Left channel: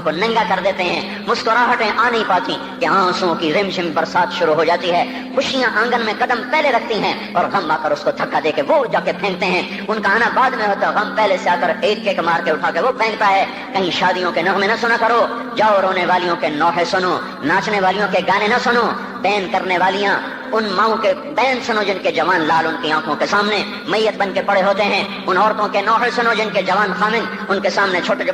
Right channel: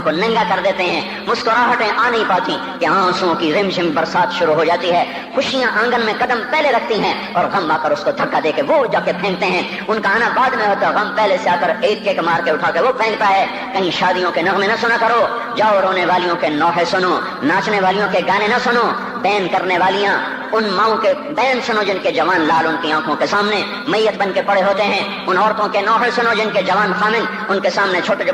کو ننگا کر دیتے ہیں، مسکراہٹیں آ نہیں پاتی کہ آنسوؤں کی رمجم برسات شروع ہو جاتی ہے، خوشیاں آنگن میں قدم پہلے رکھتی ہیں اور غم آ کر اس کو دھکا دے کے وہ جا کے پھینکتے ہیں، ان کا آنا بعد میں ہوتا ہے، غم پہلے سے آ کر ایک مار کے اٹھا کے وہ پھینکتا ہے۔ کہیں شادیوں کے نغمے نہ سنا کرو، جاؤ رونے والیوں کے نوحے سنو، ناچنے والیوں کے گانے نہ سنو، بین کرنے والیاں ان ماؤں کے بین سنو جن کے جوان لال ان کی آنکھوں کے سامنے میت بن کے پڑے ہوتے ہیں، ان عورتوں کے نوحے سنو جن کے جوان خامن ان کے سامنے چھوٹے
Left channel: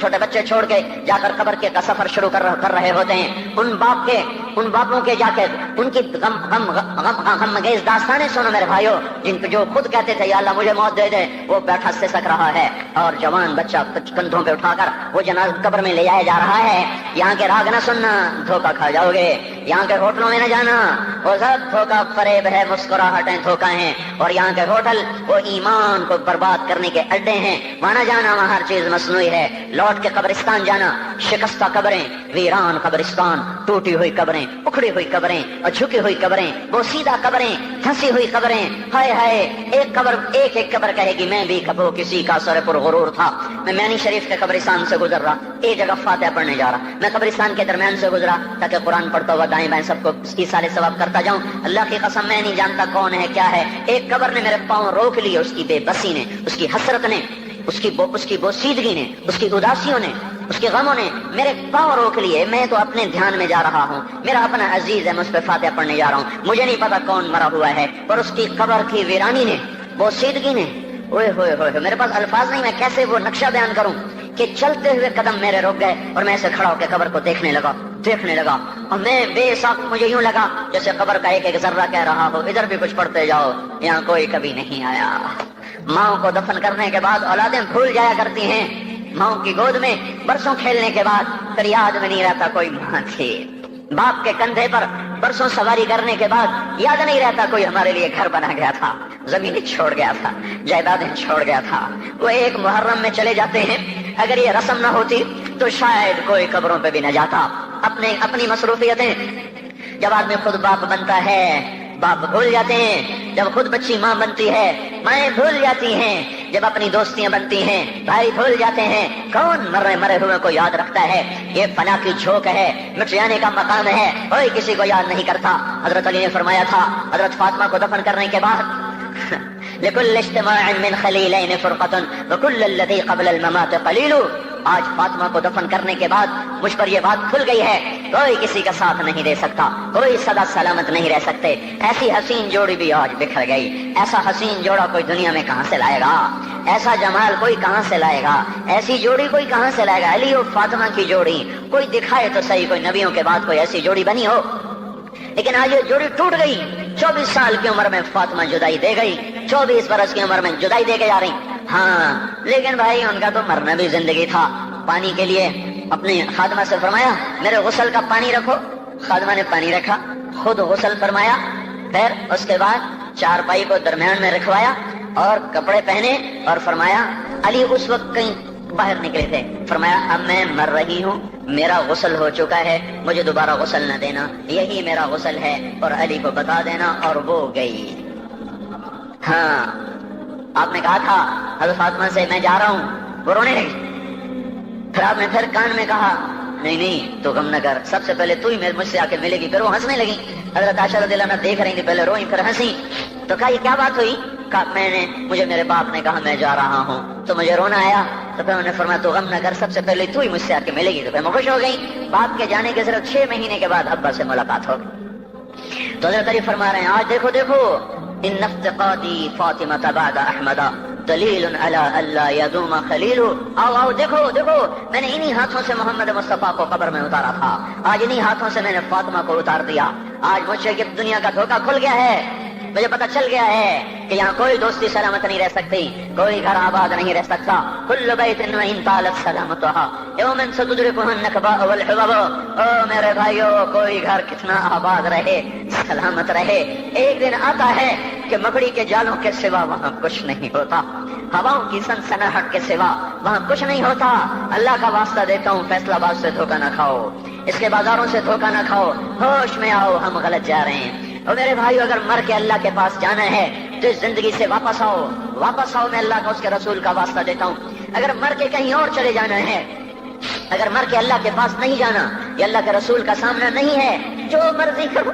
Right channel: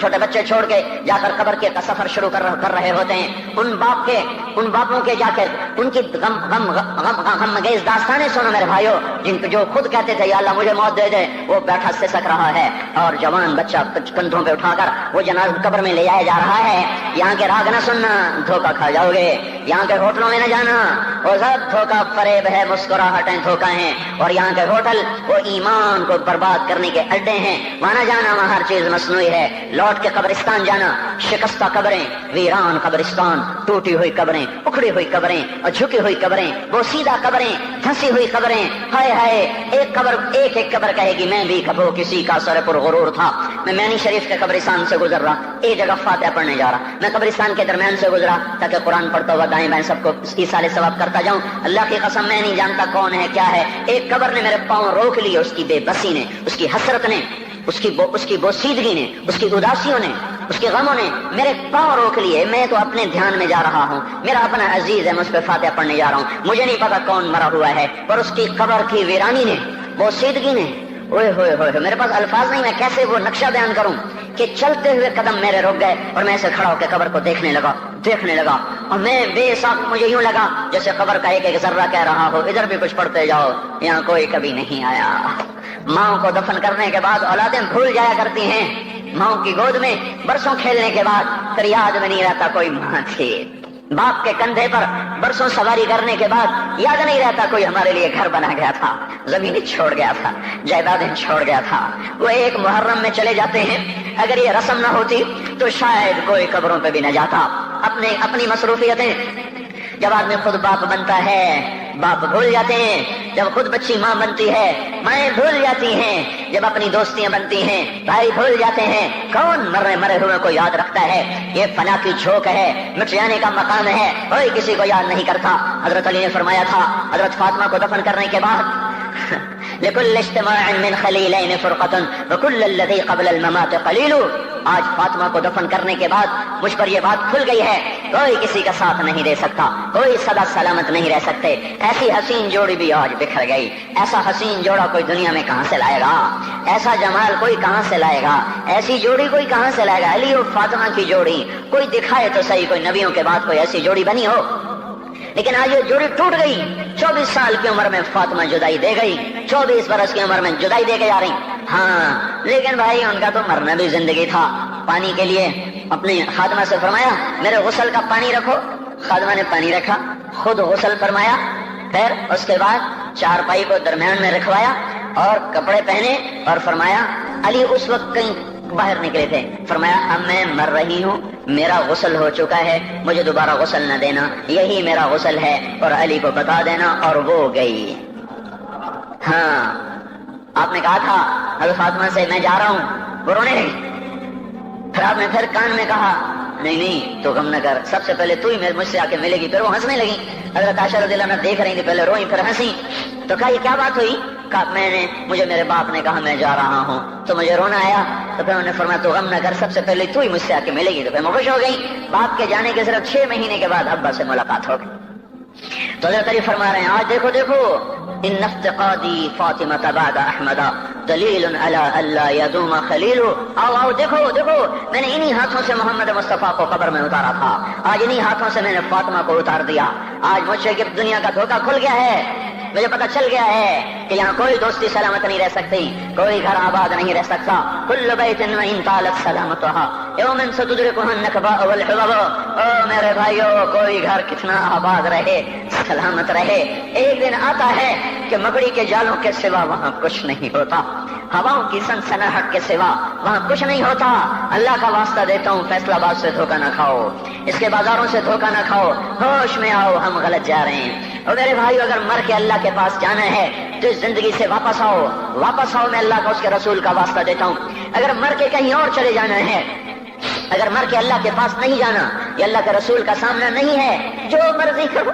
چھوٹے بچے چھوڑ کے جا کر قبر کے سفر شروع کر رہے ہوتے ہیں، ان باپوں کے جا کر ان کی غم گیز داستانیں سنو میرے بھائیو، جن کے جو خود کہتے تھے یا اللہ مجھے موت دے دے، وہ بیٹھا سسک رہا ہے اور جوان بچہ کندھوں پہ اٹھا کر وہ جنازہ قبر میں لے جایا جا رہا ہے۔ یہاں کے راگ نہ سننا، دھوکہ کھا جاؤ گے، یہاں کے ہوٹلوں میں نہ جانا، وہ سب دھوکہ فریب ہے، مسکراہٹیں دھوکہ ہیں، اور یہاں کے ہوٹل وہ ایمان کو برباد کرنے کے اڈے ہیں، وہاں نہ جانا، وہاں ہر چیز مصنوعی ہے۔ لوٹ کے قبرستان جانا، شکستہ قبریں، ویران قبرستان، ٹوٹی ہوئی قبریں، اکھڑی ہوئی قبریں اور جھکی ہوئی قبریں، وہ سیدھا قبریں، پھنسی ہوئی قبریں، ہائے ہائے، ایک قبر کہے گی میں بھی کبھی کسی کا سر پر غرور تھا، میں مینی شریف کے قبرستان سے گزر رہا، ایک جگہ فاتحہ پڑھنے جا رہا، میں قبرستان کے درمیان سے گزرا تاکہ قرآن پڑھتا ہوا دائیں بائیں سب کو ایصال ثواب کرتا جاؤں، اللہ کی قسم میں نہیں جانتا کون ہے کیا ہے، ایک قبر نے میرے پاؤں روک لیے، اس کی بے بسی نے، اس کی حسرت نے، اس کی بوسیدگی نے، اس کی اداسیوں نے، اس کے غموں نے میرے پاؤں روک لیے، میں تو اپنے دھیان میں جا رہا ہوں، میرا اپنا عزیز ہے، میں اس پہ فاتحہ پڑھنے جا رہا ہوں، مجھے نہیں پتا کون مرا ہوا ہے، پر اس کی قبر کی ویرانی نے، بوسیدگی نے، اوئے ہوئے ہوئے، میرے پاس الفاظ نہیں، میں کیسے وہ نقشہ بیان کروں کہ چلتے ہوئے قدم میرے رک گئے اور میں ایسے کھڑا ہو کے قبر کو دیکھنے لگا اور میں بے ساکھ، مجھے یوں لگا جیسے قبر کا ایک ذرہ کہہ رہا ہو ادھر بھی کچھ پڑھتے جاؤ، یہاں کوئی کبھی نہیں آیا۔ ماؤں کو دفن کرنے کے بعد اولادیں بھول جایا کرتی ہیں، ماؤں کی گود میں برسوں کھیلنے کے بعد پھر یاد میں نہیں رہتا کوئی ماں تھی، باپ کے کندھے پر برسوں سواری کرنے کے بعد یاد نہیں رہتا کوئی ہمارے لیے گھر بنا گیا تھا، زمین چھوڑ گیا تھا، جائیدادیں چھوڑ گیا تھا۔ وہ ایک محرم میں چلے جاتے ہیں، اگر یہ رسم نہ ہوتی تو شاید کوئی قبروں پہ بھی نہ جاتا۔ اپنی مصروفیتیں، جب آدمی خود باپ بنتا ہے باپ بھول جاتے ہیں، جب خود بچی ماں بنتی ہے مائیں بھول جاتی ہیں، جب اپنی دوستیاں بنتی ہیں بھائی بھول جاتے ہیں، کون مرے ہوئے کو یاد رکھتا ہے؟ یہ فنا کی جھوک ہے، مٹ جانے کا مقام ہے، کوئی کسی کو یاد نہیں کرتا۔ حضرت علی نے فرمایا تھا حضرت فاطمہ کو دفن کرنے کے بعد لكل اجتماع من خليلين فرقة وكل الذي قبل الممات قليل، آج فاطمہ کو دفن کرنے کے بعد مجھ پر یہ بات کھل گئی ہے، کوئی کسی کا ساتھ نہیں دے سکتا، کوئی سدا سلامت نہیں رہ سکتے، ایسی حسین جوڑی بھی آج بکھر گئی، ایسا حسین جوڑا کوئی دنیا میں کہاں سے لائے گا، ایسا جمال کوئی کہاں سے لائے گا، ایسی جوڑی کوئی کہاں سے لائے گا؟ علی اور فاطمہ کی جوڑی کوئی دکھائے تو صحیح، کوئی نبیوں کے بعد کوئی ایسی جوڑی بنی ہو، لیکن آج یہ جوڑی ٹوٹ گئی۔ 24 سال کی عمر میں فاطمہ جدائی دے گئی، 24 برس کی عمر میں جدائی دے کے جا رہی، ہاں لیکن بھائی ان کا تو مرنا بھی زندگی تھا۔ پانی کے لیے اپنی خادمہ سے فرمایا میرے غسل کا پانی رکھو، خادمہ نے پانی رکھا، خود غسل فرمایا، پھر اس کے بعد چارپائی کو درمیان میں رکھوایا اور کپڑے پہنے اور فرمایا، علی اس وقت کہیں باہر نکلے تھے، فرمایا اب میں مر رہی ہوں، میرا غسل ہو چکا ہے، مجھے دوبارہ غسل نہ دینا، یہی میرا غسل ہے اور علی کو بتا دینا، اور وہ گئی۔ ہاں آپ نے کہا تھا حضرت فاطمہ سے میں جا رہا ہوں، وہ رونے لگی، پھر آپ نے پھر کان میں کہا نہیں تو غم نہ کر، سب سے پہلے تو ہی مجھ سے آ کے ملے گی، پھر وہ ہنسنے لگی۔ حضرت عائشہ رضی اللہ عنہا دیکھ رہی تھی، پہلے روئی پھر ہنسی، تو کہا یہ کیا بات ہوئی؟ کہا مجھے میرے باپ نے کہا میں جا رہا ہوں تو مجھے رونا آیا، تو پھر انہوں نے فرمایا تو غم نہ کر، سب سے پہلے تو ہی مجھ سے آ کے ملے گی، تو پھر میں خوش ہو گئی۔ باپ کے جانے کے صرف 6 مہینے کے بعد ابا سے ملاقات ہو گئی۔ تو حضرت علی فرما رہے ہیں آج دیکھو ان افتقادی فاطمہ بعد احمد دلیل علی اللہ یدوم خلیل، آؤ دیکھو میں نے انہی ہاتھوں سے محمد مصطفیٰ کو قبر میں اتارا تھا، آج انہی ہاتھوں سے میں نے فاطمہ کو اتار دیا، آج مجھ سے دنیا کا دھوکہ کھل گیا ہے، مجھے پتہ چل گیا ہے کہ یہاں کوئی دوستی سلامت نہیں رہ سکتی، کوئی گھر آباد نہیں رہ سکتا، کل بیت وان طالت سلامتها یوم ستدرکہ النکباء والحباب، او میرے بھائیو کوئی گھر کتنا آباد رہے سلامت رہے، ایک دن آتا ہے کہ مکڑی کے جالوں کے سوا وہاں کچھ نہیں ہوتا، ہواؤں کی سنسناہٹ کے سوا وہاں کچھ نہیں ہوتا۔ اللہ کا واسطہ دیتا ہوں فیصلہ آباد سے دھوکہ نہ کھاؤ، اس کے بازاروں سے دھوکہ نہ کھاؤ، ہوش میں آؤ ہم غلط جا رہے ہیں۔ اور میرے بھائی اگر مر کے اللہ کے پاس جانا ہے تو اس زندگی سے واپس آؤ، میں اللہ کو اس کے رسول کا واسطہ دیتا ہوں۔ اگر مر کے کہیں اور چلے جانا ہے اگر مر کے اللہ کے پاس نہیں جانا یا اللہ کے رسول کا سامنا نہیں ہے، جو مرضی کرو،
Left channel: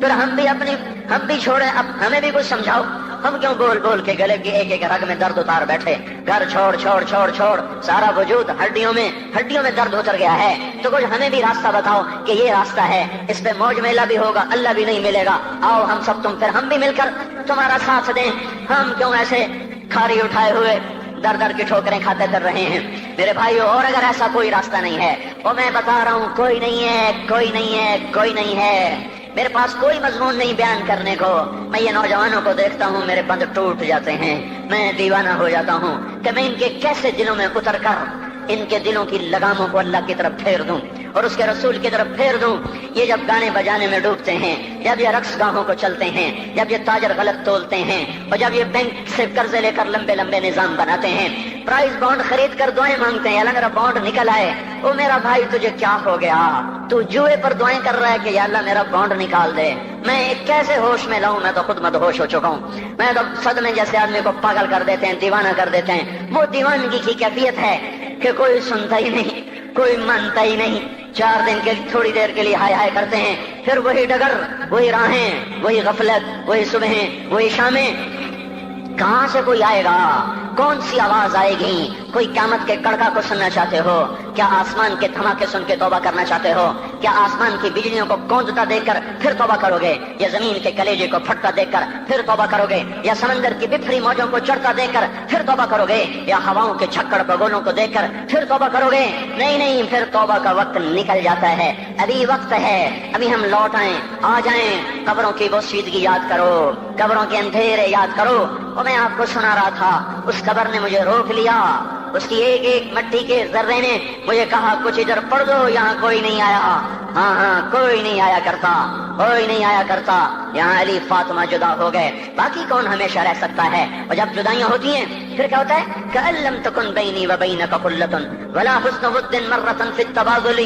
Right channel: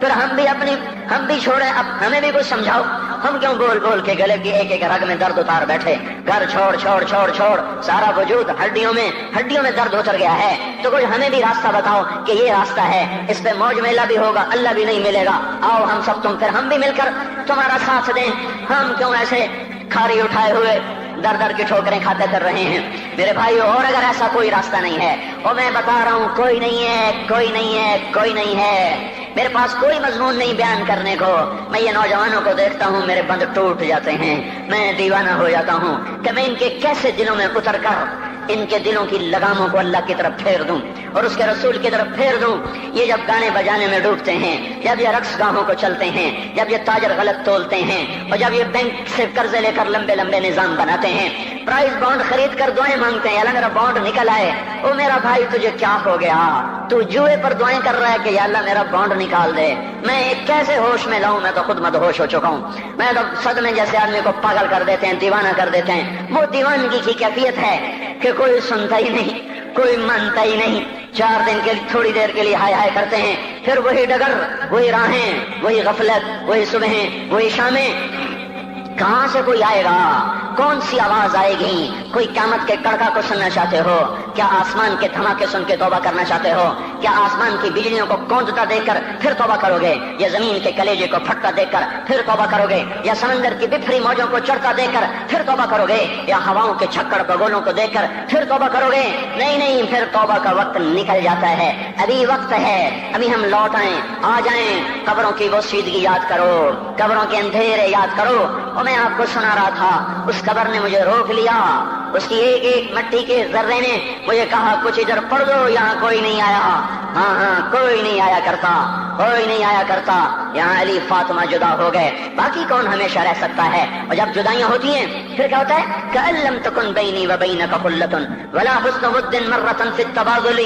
پھر ہم بھی چھوڑیں، اب ہمیں بھی کچھ سمجھاؤ، ہم کیوں گول گول کے گلے کی ایک ایک رگ میں درد اتار بیٹھے، گھر چھوڑ چھوڑ چھوڑ چھوڑ، سارا وجود ہڈیوں میں درد اتر گیا ہے، تو کچھ ہمیں بھی راستہ بتاؤ کہ یہ راستہ ہے، اس پہ موج میلہ بھی ہوگا، اللہ بھی نہیں ملے گا، آؤ ہم سب تم کر ہم بھی مل کر تمہارا ساتھ دیں، ہم کیوں ایسے کھاری اٹھائے ہوئے در در کی ٹھوکریں کھاتے کر رہے ہیں میرے بھائیو۔ اور اگر ایسا کوئی راستہ نہیں ہے، اور میں بتا رہا ہوں کوئی نہیں ہے، کوئی نہیں ہے، کوئی نہیں ہے، میرے پاس کوئی مضمون نہیں بیان کرنے کو، میں یہ نوجوانوں کو دیکھتا ہوں میرے بند ٹوٹ جاتے ہیں، میں دیوانہ ہو جاتا ہوں کہ میں ان کے کیسے دلوں میں اتر کر ان کے دلوں کی لگاموں کو اللہ کی طرف پھیر دوں اور اس کے رسول کی طرف پھیر دوں۔ یہ جب گانے بجانے میں ڈوبتے ہیں، جب یہ رقص گاہوں کو چلتے ہیں، جب یہ تاجر غلط تولتے ہیں، اور جب یہ بینک سے قرضے لے کر لمبے لمبے نظام بناتے ہیں، پرائز بانڈ خرید کر دعائیں مانگتے ہیں، اللہ میرا بانڈ نکل آئے، او میرا بھائی تجھے کیا ہو گیا، تو جوئے پر دعائیں کر رہا ہے کہ یا اللہ میرا بانڈ نکال دے، میں کیسے ہوش میں لاؤں، میں تو خود مدہوش ہو چکا ہوں، میں تو صدمے جیسے آدمی کو پاگل کر دیتے ہیں، دیوانہ کر دیتے ہیں۔ وہ دیوانگی کی کیفیت ہے کہ کوئی سنتا ہی نہیں، کوئی مانتا ہی نہیں، 4 دن کے تھوڑی دیر کے لیے ہائے ہائے کرتے ہیں، پھر وہی ڈگر، وہی راہیں، وہی غفلت، وہی صبحیں، وہی شامیں۔ کہاں سے کوئی آئے گا، کون سی آواز آئے گی؟ کوئی قیامت کے کڑکا کو سننا چاہتے ہو؟ کیا آسمان کے دھماکے سن کے توبہ کرنا چاہتے ہو؟ کیا آسمان کی بجلیوں کو گونجتا دیکھ کر پھر توبہ کرو گے، یا زمین کے کلیجے کو پھٹتا دیکھ کر پھر توبہ کرو گے، یا سمندر کی بکھری موجوں کو چڑھتا دیکھ کر پھر توبہ کرو گے، یا ہواؤں کے چھکڑ بگولوں کو دیکھ کر پھر توبہ کرو گے؟ نہیں، پھر توبہ کا وقت نکل جاتا ہے، ابھی وقت ہے، ابھی ہم لوٹ آئیں، آ جائیں، قبروں کی وہ سیدگی یاد کرو، قبروں کے اندھیرے یاد کرو۔ اور میں آپ کو سنا رہا تھا، اس قبر نے مجھے روک لیا، اس کی ایک ایک مٹی کے ذرے نے مجھے کہا کچھ ادھر پڑھ دو، یہاں کوئی نہیں آیا، ہاں کوئی نہیں آیا کرتا، کوئی نہیں آیا کرتا، یہاں علی فاطمہ جدا ہو گئے، باقی کون ہمیشہ رہ سکتا ہے؟ اور جب جدائیاں ہوتی ہیں پھر کیا ہوتا ہے؟ كأن لم تكن بيني وبينك خلة ولا حسن ود مرة في التبادل۔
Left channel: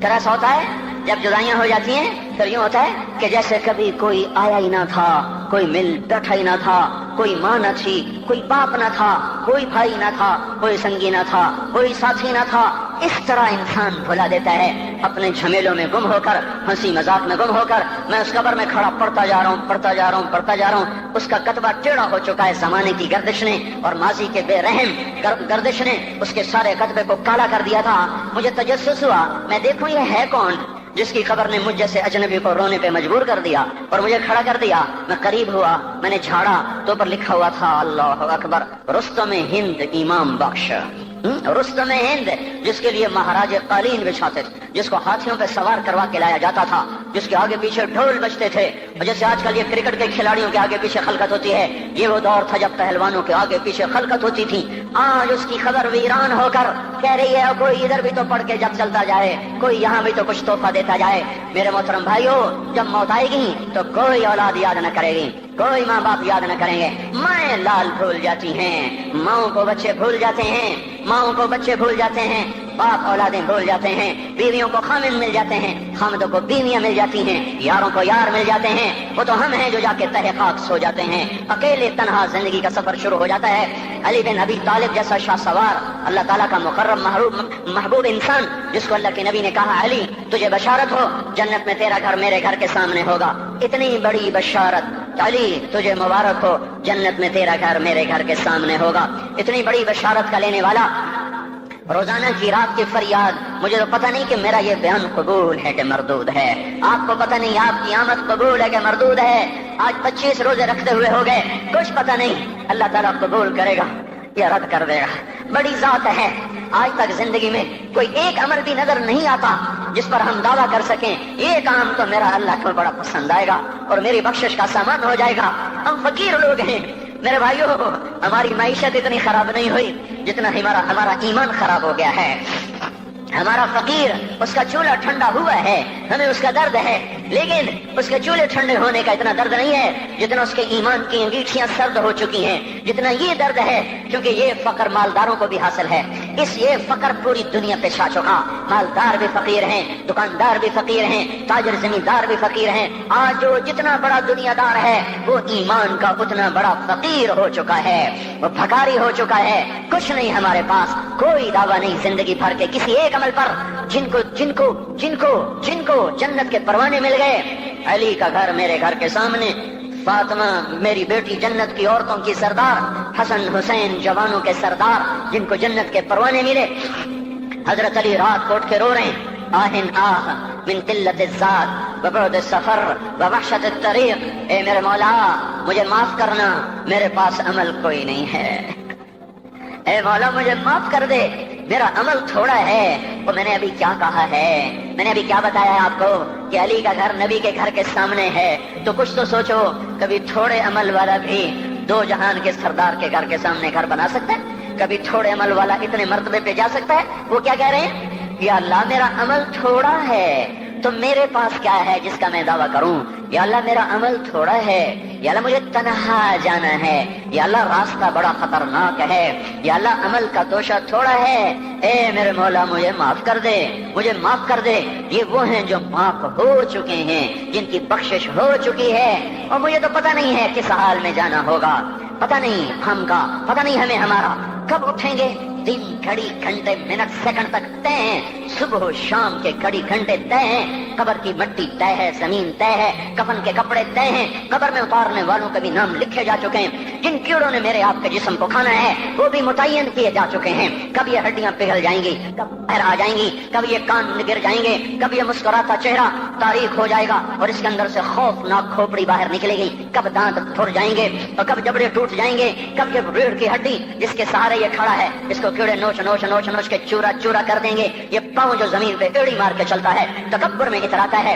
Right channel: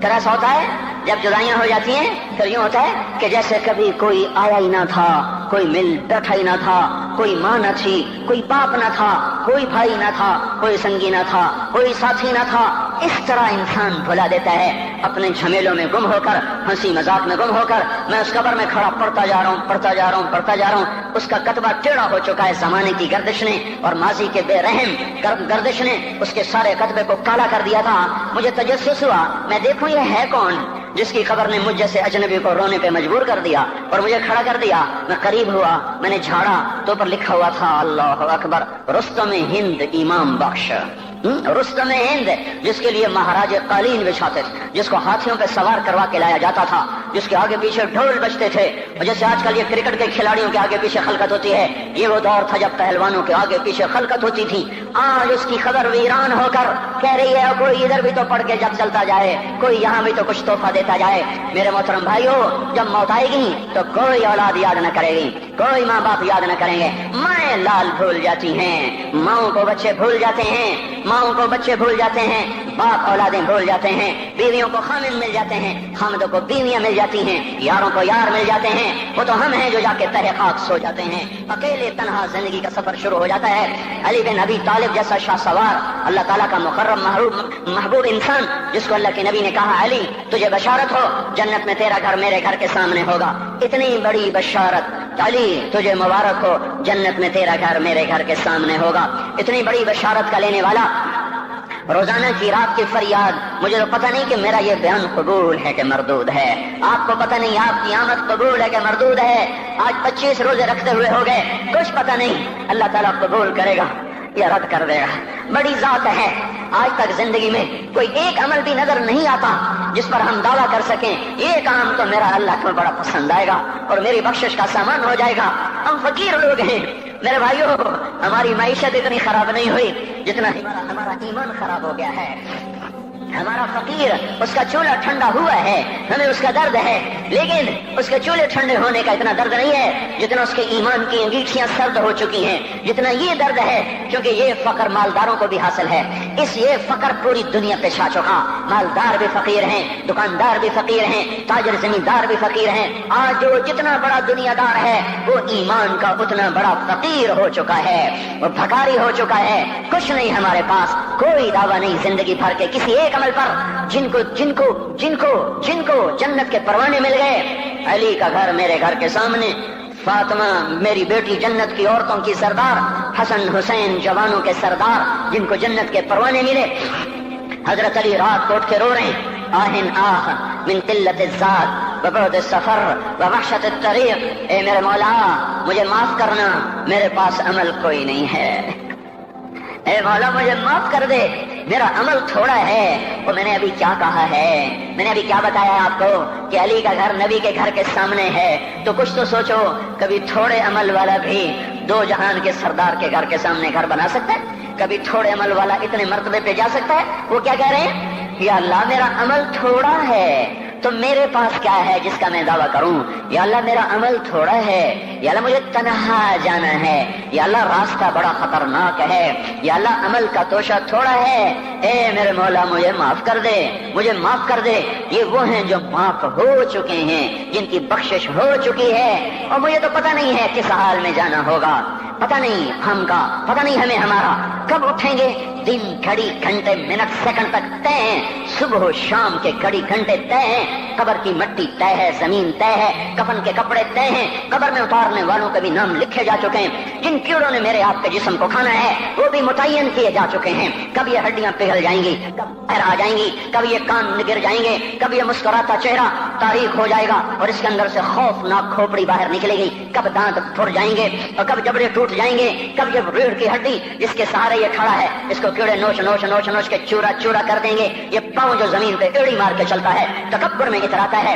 پھر ایسا ہوتا ہے جب جدائیاں ہو جاتی ہیں پھر یوں ہوتا ہے کہ جیسے کبھی کوئی آیا ہی نہ تھا، کوئی مل بیٹھا ہی نہ تھا، کوئی ماں نہ تھی، کوئی باپ نہ تھا، کوئی بھائی نہ تھا، کوئی سنگی نہ تھا، کوئی ساتھی نہ تھا۔ اس طرح انسان بھلا دیتا ہے اپنے جھمیلوں میں گم ہو کر، ہنسی مذاق میں گم ہو کر۔ میں اس قبر میں کھڑا پڑھتا جا رہا ہوں، اس کا کتبہ ٹیڑھا ہو چکا ہے زمانے کی گردش نے اور ماضی کے بے رحم گردش نے اس کے سارے کتبے کو کالا کر دیا تھا۔ مجھے تجسس ہوا، میں دیکھوں یہ ہے کون جس کی خبر نے مجھ جیسے اجنبی کو رونے پہ مجبور کر دیا اور مجھے کھڑا کر دیا۔ میں قریب ہوا، میں نے جھاڑا تو اوپر لکھا ہوا تھا اللہ اکبر، رستم ہند امام بخش۔ رستم ہند، جس کے لیے مہاراج قالین بچھاتے، جس کو ہاتھیوں پہ سوار کروا کے لایا جاتا تھا، جس کے آگے پیچھے ڈھول بجتے تھے، اور جیسے آج کل یہ کرکٹ کے کھلاڑیوں کے آگے پیچھے خلقت ہوتی ہے، یہ وہ دور تھا جب پہلوانوں کے آگے پیچھے خلقت ہوتی تھی۔ آج اس کی خبر ویران ہو کر کہہ رہی ہے کوئی ادھر بھی تو پڑھ کے جب چلتا جائے، کوئی یہاں بھی تو کچھ تحفہ دیتا جائے۔ میرے محترم بھائیو، جب موت آئے گی تو کوئی اولاد یاد نہ کرے گی، کوئی ماں باپ یاد نہ کریں گے، مائیں لال بھول جاتی ہیں، ماؤں کو بچے بھول جاتے ہیں، ماؤں کو بچے بھول جاتے ہیں، باپ اولادیں بھول جاتے ہیں، بیویوں کو خامن مل جاتے ہیں، خامدوں کو بیویاں مل جاتی ہیں، یاروں کو یار مل جاتے ہیں۔ وہ تو ہم ہیں جو جا کے تہہ خاک سو جاتے ہیں، اکیلے تنہا زندگی کا سفر شروع ہو جاتا ہے۔ علی بن ابی طالب جیسا شاہ سوار، اللہ تعالیٰ کا مقرب محبوب انسان، جس کو اللہ کے نبی نے کہا علی تجھے بشارت ہو، جنت میں تیرا گھر میرے گھر کے سامنے ہوگا، اتنی بڑی بشارت، علی تجھے مبارک ہو، جنت میں تیرا گھر میرے گھر کے سامنے ہوگا، اتنی بڑی بشارت کا لینے والا۔ روزانہ کی رات کی فریاد، مجھے تو پتہ نہیں کہ میرا یہ بیان قبول ہے کہ مردود ہے، آپ کو پتہ نہیں آپ کی آمد قبول ہے کہ مردود ہے۔ آج 25 روزے رکھتے ہوئے ہو گئے، کچھ پتہ نہیں اللہ تعالیٰ قبول کرے گا یا رد کر دے گا، بڑی ذات ہے۔ آج تک زندگی میں کوئی ایک عمل بھی نظر نہیں آتا جس پر ہم دعویٰ کر سکیں یہ کام تو میرا اللہ کو بڑا پسند آئے گا اور میری بخشش کا سامان ہو جائے گا۔ ہم فقیر لوگ ہیں میرے بھائیو، ہماری معیشت اتنی خراب نہیں ہوئی جتنا ہمارا ایمان خراب ہو گیا ہے۔ ہمارا فقیر، اس کا چولہا ٹھنڈا ہوا ہے، ہمیں اس کا درد ہے، لیکن اس کے چولہے ٹھنڈے ہونے کا اتنا درد نہیں ہے جتنا اس کے ایمان کی انگیٹھیاں سرد ہو چکی ہیں، جتنا یہ درد ہے، کیونکہ یہ فقر مالداروں کو بھی حاصل ہے، اس یہ فقر پوری دنیا پہ چھا چکا. مالدار بھی فقیر ہیں, دکاندار بھی فقیر ہیں, تاجر زمیندار بھی فقیر ہیں. آج جو جتنا بڑا دنیا دار ہے وہ ایمان کا اتنا بڑا فقیر ہو چکا ہے, وہ بھکاری ہو چکا ہے. کچھ نہیں ہمارے پاس, کوئی دعویٰ نہیں زندگی بھر کے کسی ایک عمل پر. جن کو جنت کے پروانے مل گئے. علی کا گھر میرے گھر کے سامنے, فاطمہ میری بیٹی جنت کی عورتوں کی سردار, حسن حسین جوانوں کے سردار جن کو جنت کے پروانے ملے. حضرت علی رات کو اٹھ کے رو رہے ہیں, آہن آہ من قلت الذات وبعد السفر ووحشت الطریق. اے میرے مولا مجھے معاف کرنا, میرے پاس عمل کوئی نہیں ہے. اے مولا مجھے معاف کر دے, میرا عمل تھوڑا ہے. اور میں نے ابھی کیا کہا ہے, میں نے ابھی کیا بتایا آپ کو کہ علی کا گھر نبی کے گھر کے سامنے ہے. تو کچھ تو سوچو, کبھی تھوڑے عمل والا بھی دو جہان کے سردار کے گھر کے سامنے گھر بنا سکتا ہے؟ کبھی تھوڑے عمل والا اتنے مرتبے پہ جا سکتا ہے؟ وہ کیا کہہ رہے ہیں, یا اللہ میرا عمل تھوڑا ہے تو میرے پاس کیا ہے جس کا میں دعویٰ کروں. یا اللہ میرا عمل تھوڑا ہے, یا اللہ مجھے تنہا جانا ہے, یا اللہ راستہ بڑا خطرناک ہے, یا اللہ عمل کا توشہ تھوڑا ہے. اے میرے مولا مجھے معاف کر دے, مجھے معاف کر دے. یہ وہ ہیں جو معاف ہو چکے ہیں, جن کی بخشش ہو چکی ہے. اور مجھے تو پتہ نہیں ہے کس حال میں جانا ہوگا, پتہ نہیں ہم کا, پتہ نہیں ہمیں ہمارا کب اٹھیں گے. دن گھڑی گھنٹے منٹ سیکنڈ تک طے ہیں, صبح و شام کے گھڑی گھنٹے طے ہیں. قبر کی مٹی طے ہے, زمین طے ہے, کفن کے کپڑے طے ہیں. قبر میں اتارنے والوں کے بھی نام لکھے جا چکے ہیں. جن کیڑوں نے میرے آپ کے جسم کو کھانا ہے وہ بھی متعین کیے جا چکے ہیں. کب یہ ہڈیاں پگھل جائیں گی, کب ہر آ جائیں گی, کب یہ کان گر جائیں گے, کب یہ مسکراتا چہرہ تاریخ ہو جائے گا اور اس کے اندر سے خوفناک کھوپڑی باہر نکلے گی, کب دانت پھٹ جائیں گے اور کب جبڑے ٹوٹ جائیں گے, کب یہ ریڑھ کی ہڈی جس کے سہارے یہ کھڑا ہے اس کو کیڑے نوچ نوچ نوچ نوچ کے چورا چورا کر دیں گے. یہ پاؤں جو زمین پہ ایڑی مار کے چلتا ہے تکبر میں اتراتا ہے.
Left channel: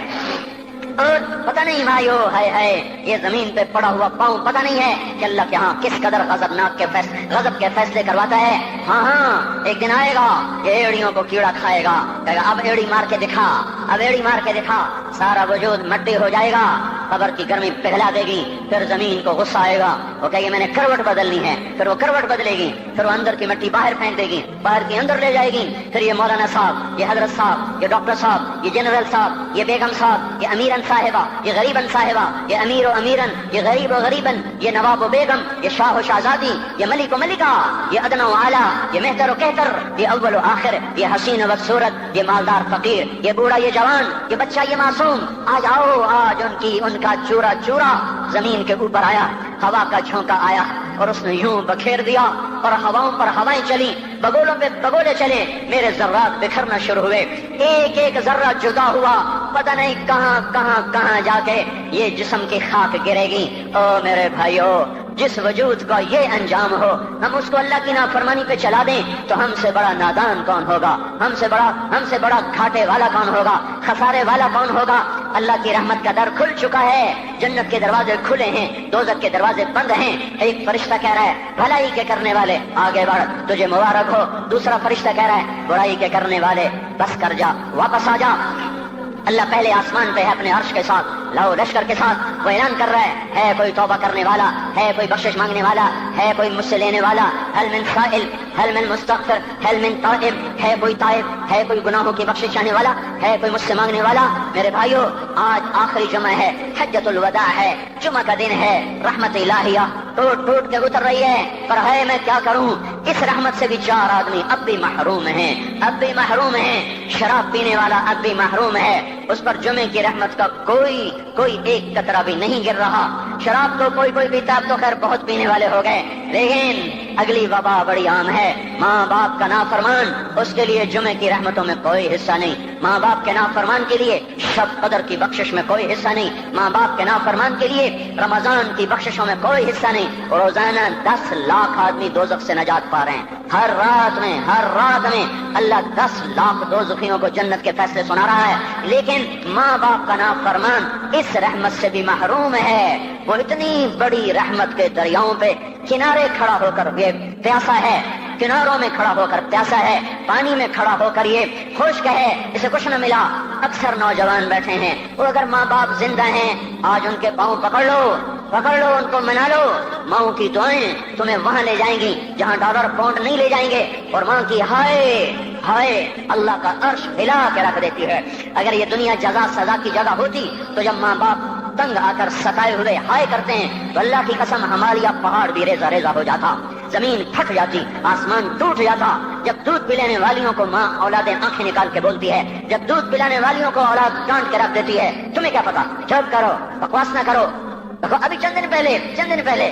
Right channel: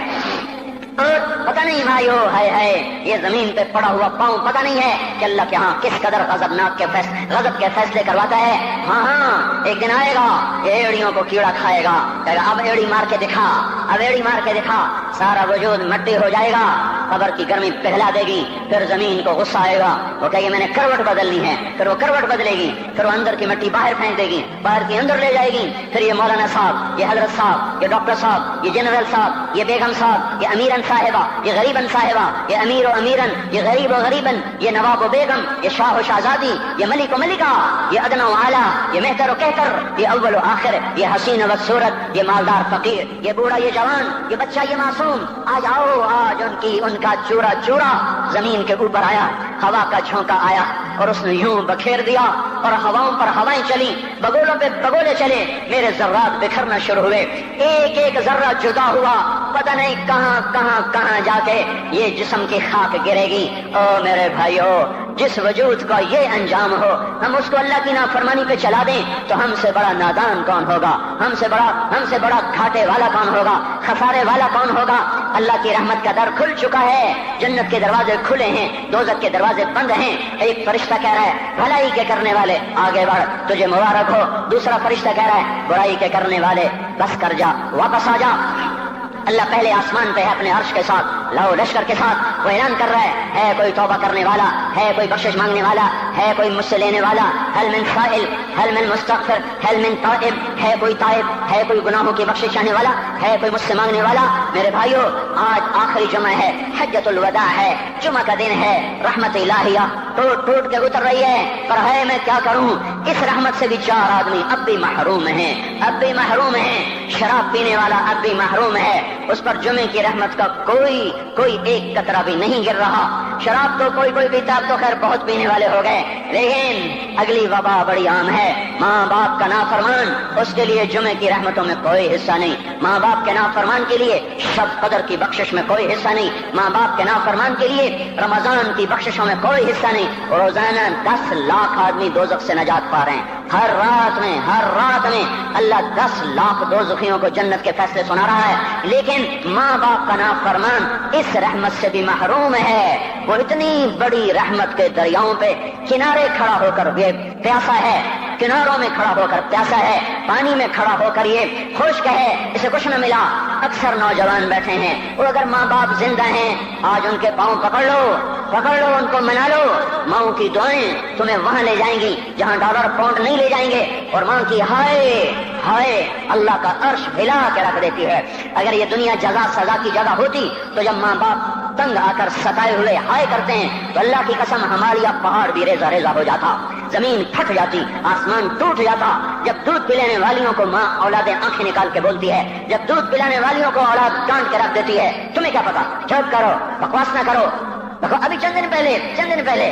اور پتہ نہیں بھائیو ہے یہ زمین پہ پڑا ہوا پاؤں پتہ نہیں ہے کہ اللہ کے ہاں کس قدر غضب کے فیصلے کرواتا ہے. ہاں ایک دن آئے گا یہ ایڑیوں کو کیڑا کھائے گا, اب ایڑی مار کے دکھا, اب ایڑی مار کے دکھا. سارا وجود مٹی ہو جائے گا, قبر کی گرمی پگھلا دے گی. پھر زمین کو غصہ آئے گا, وہ کہے گی میں نے کروٹ بدلنی ہے. پھر وہ کروٹ بدلے گی, پھر وہ اندر کی مٹی باہر پھینک دے گی, باہر کی اندر لے جائے گی. پھر یہ مولانا صاحب, یہ حضرت صاحب, یہ ڈاکٹر صاحب, یہ جنرل صاحب, یہ بیگم صاحب, یہ امیرن صاحبہ, یہ غریبن صاحبہ, یہ امیر و امیرن, یہ غریب و غریبن, یہ نواب و بیگم, یہ شاہ و شہزادی, یہ ملک و ملکہ, یہ ادنا و اعلیٰ, یہ مہتر و کہتر, یہ اول و آخر, یہ حسین و صورت, یہ مالدار فقیر, یہ بوڑھا یہ جوان, یہ بچہ یہ معصوم. آج آؤ, آج ان کا چورا چورا زمین کے اوپر آیا, ہوا کا جھونکا آیا اور اس نے یوں بکھیر دیا اور ہواؤں پر ہوائیں چلی, بگولوں پہ بگولے چلے, میرے ذرات بکھرنا شروع ہوئے, ایک ایک ذرہ جدا ہوا, پتہ نہیں کہاں کہاں کہاں جا کے یہ جسم کی خاک گرے گی. او میرے بھائیو, جس وجود کا یہ انجام ہو, ہم اس کو اللہ کی نافرمانی پہ چلا دیں تو ہم سے بڑا نادان کون ہوگا, ہم سے بڑا گھاٹے والا کون ہوگا, خسارے والا کون ہوگا. اللہ کی رحمت کا در کھل چکا ہے, جنت کے دروازے کھلے ہیں, دوزخ کے دروازے بند ہیں. ایک فرشتہ کہہ رہا ہے بھلائی کے کرنے والے آگے بڑھ, تجھے مبارک ہو. دوسرا فرشتہ کہہ رہا ہے برائی کے کرنے والے بس کر جا, واپس آ جا. اللہ پہلے آسمان پہ ہے اپنے عرش کے ساتھ, لو لشکر کے ساتھ, وہ اعلان کر رہا ہے کوئی توبہ کرنے والا, ہے کوئی بخشش مانگنے والا, ہے کوئی مجھ سے لینے والا, هل من سائل, هل من مستغفر, هل من تائب, ہے کوئی تائب, ہے کوئی گناہوں کی بخشش چاہنے والا, ہے کوئی مجھ سے مانگنے والا. میرے بھائیو, آج آخری جمعہ ہے, حجۃ الوداع ہے, جمعہ کا دن ہے, رحمت الہیہ ٹوٹ ٹوٹ کے اتر رہی ہے. پر ہے میں کیا کروں, اس رحمت سے بھی 4 آدمی اب بھی محروم ہیں, اب بھی محروم ہیں. شراب پینے والا اب بھی محروم ہے, اس پر جمعے کی رحمت کا کوئی ایک قطرہ بھی نہیں گر رہا. شراب تو کوئی پیتا, اب تو خیر بہت پینے والے ہو گئے, لیکن اگلی وبا بڑی عام ہے, ماں باپ کا نافرمان, اس کے لیے جمعے کی رحمتوں میں کوئی حصہ نہیں. ماں باپ کے نافرمان کے لیے شب قدر کی بخشش میں کوئی حصہ نہیں. ماں باپ کے نافرمان کے لیے رمضان کی بخششوں میں کوئی حصہ نہیں. روزانہ 10 لاکھ آدمی دوزخ سے نجات پا رہے ہیں. ہر رات میں اللہ 10 لاکھ دوزخیوں کو جنت کے فیصلے سنا رہا ہے. لیکن ماں باپ کا نافرمان اس رحمت سے بھی محروم ہے. وہ اتنی بڑی رحمت کے دریاؤں پہ کنارے کھڑا ہو کر یہ پیاسا ہے, کناروں میں کھڑا ہو کر پیاسا ہے, پانی میں کھڑا ہو کر یہ خشک ہے, اسے کچھ نہ ملا. اکثر نوجوان بیٹھے ہیں, وہ اگر ماں باپ زندہ ہیں آج ان کے پاؤں پکڑ لو, پکڑ لو ان کو، منا لو. ماؤں کی دعائیں تمہیں وہاں لے جائیں گی جہاں ڈالر پاؤنڈ نہیں لے جائیں گے، اور ماں کی ہائے ہائے اللہ کا عرش ہلا کے رکھ دیتی ہے. اگر یہ دنیا جزا سزا کی جگہ ہوتی تو جب ماں باپ تنگ آ کر ستائے ہوئے ہائے کرتے ہیں تو اللہ کی قسم ہمارا پہاڑ بھی ریزہ ریزہ ہو جاتا، زمین پھٹ جاتی، آسمان ٹوٹ جاتا. جب دودھ پلانے والیوں کو ماں اولادیں آنکھیں نکال کے بولتی ہے، جب دودھ پلانے والیوں کو اولاد کاٹ کے رکھ دیتی ہے، تمہیں کیا پتا؟ چپ کرو، بکواس نہ کرو. ابھی چند دن پہلے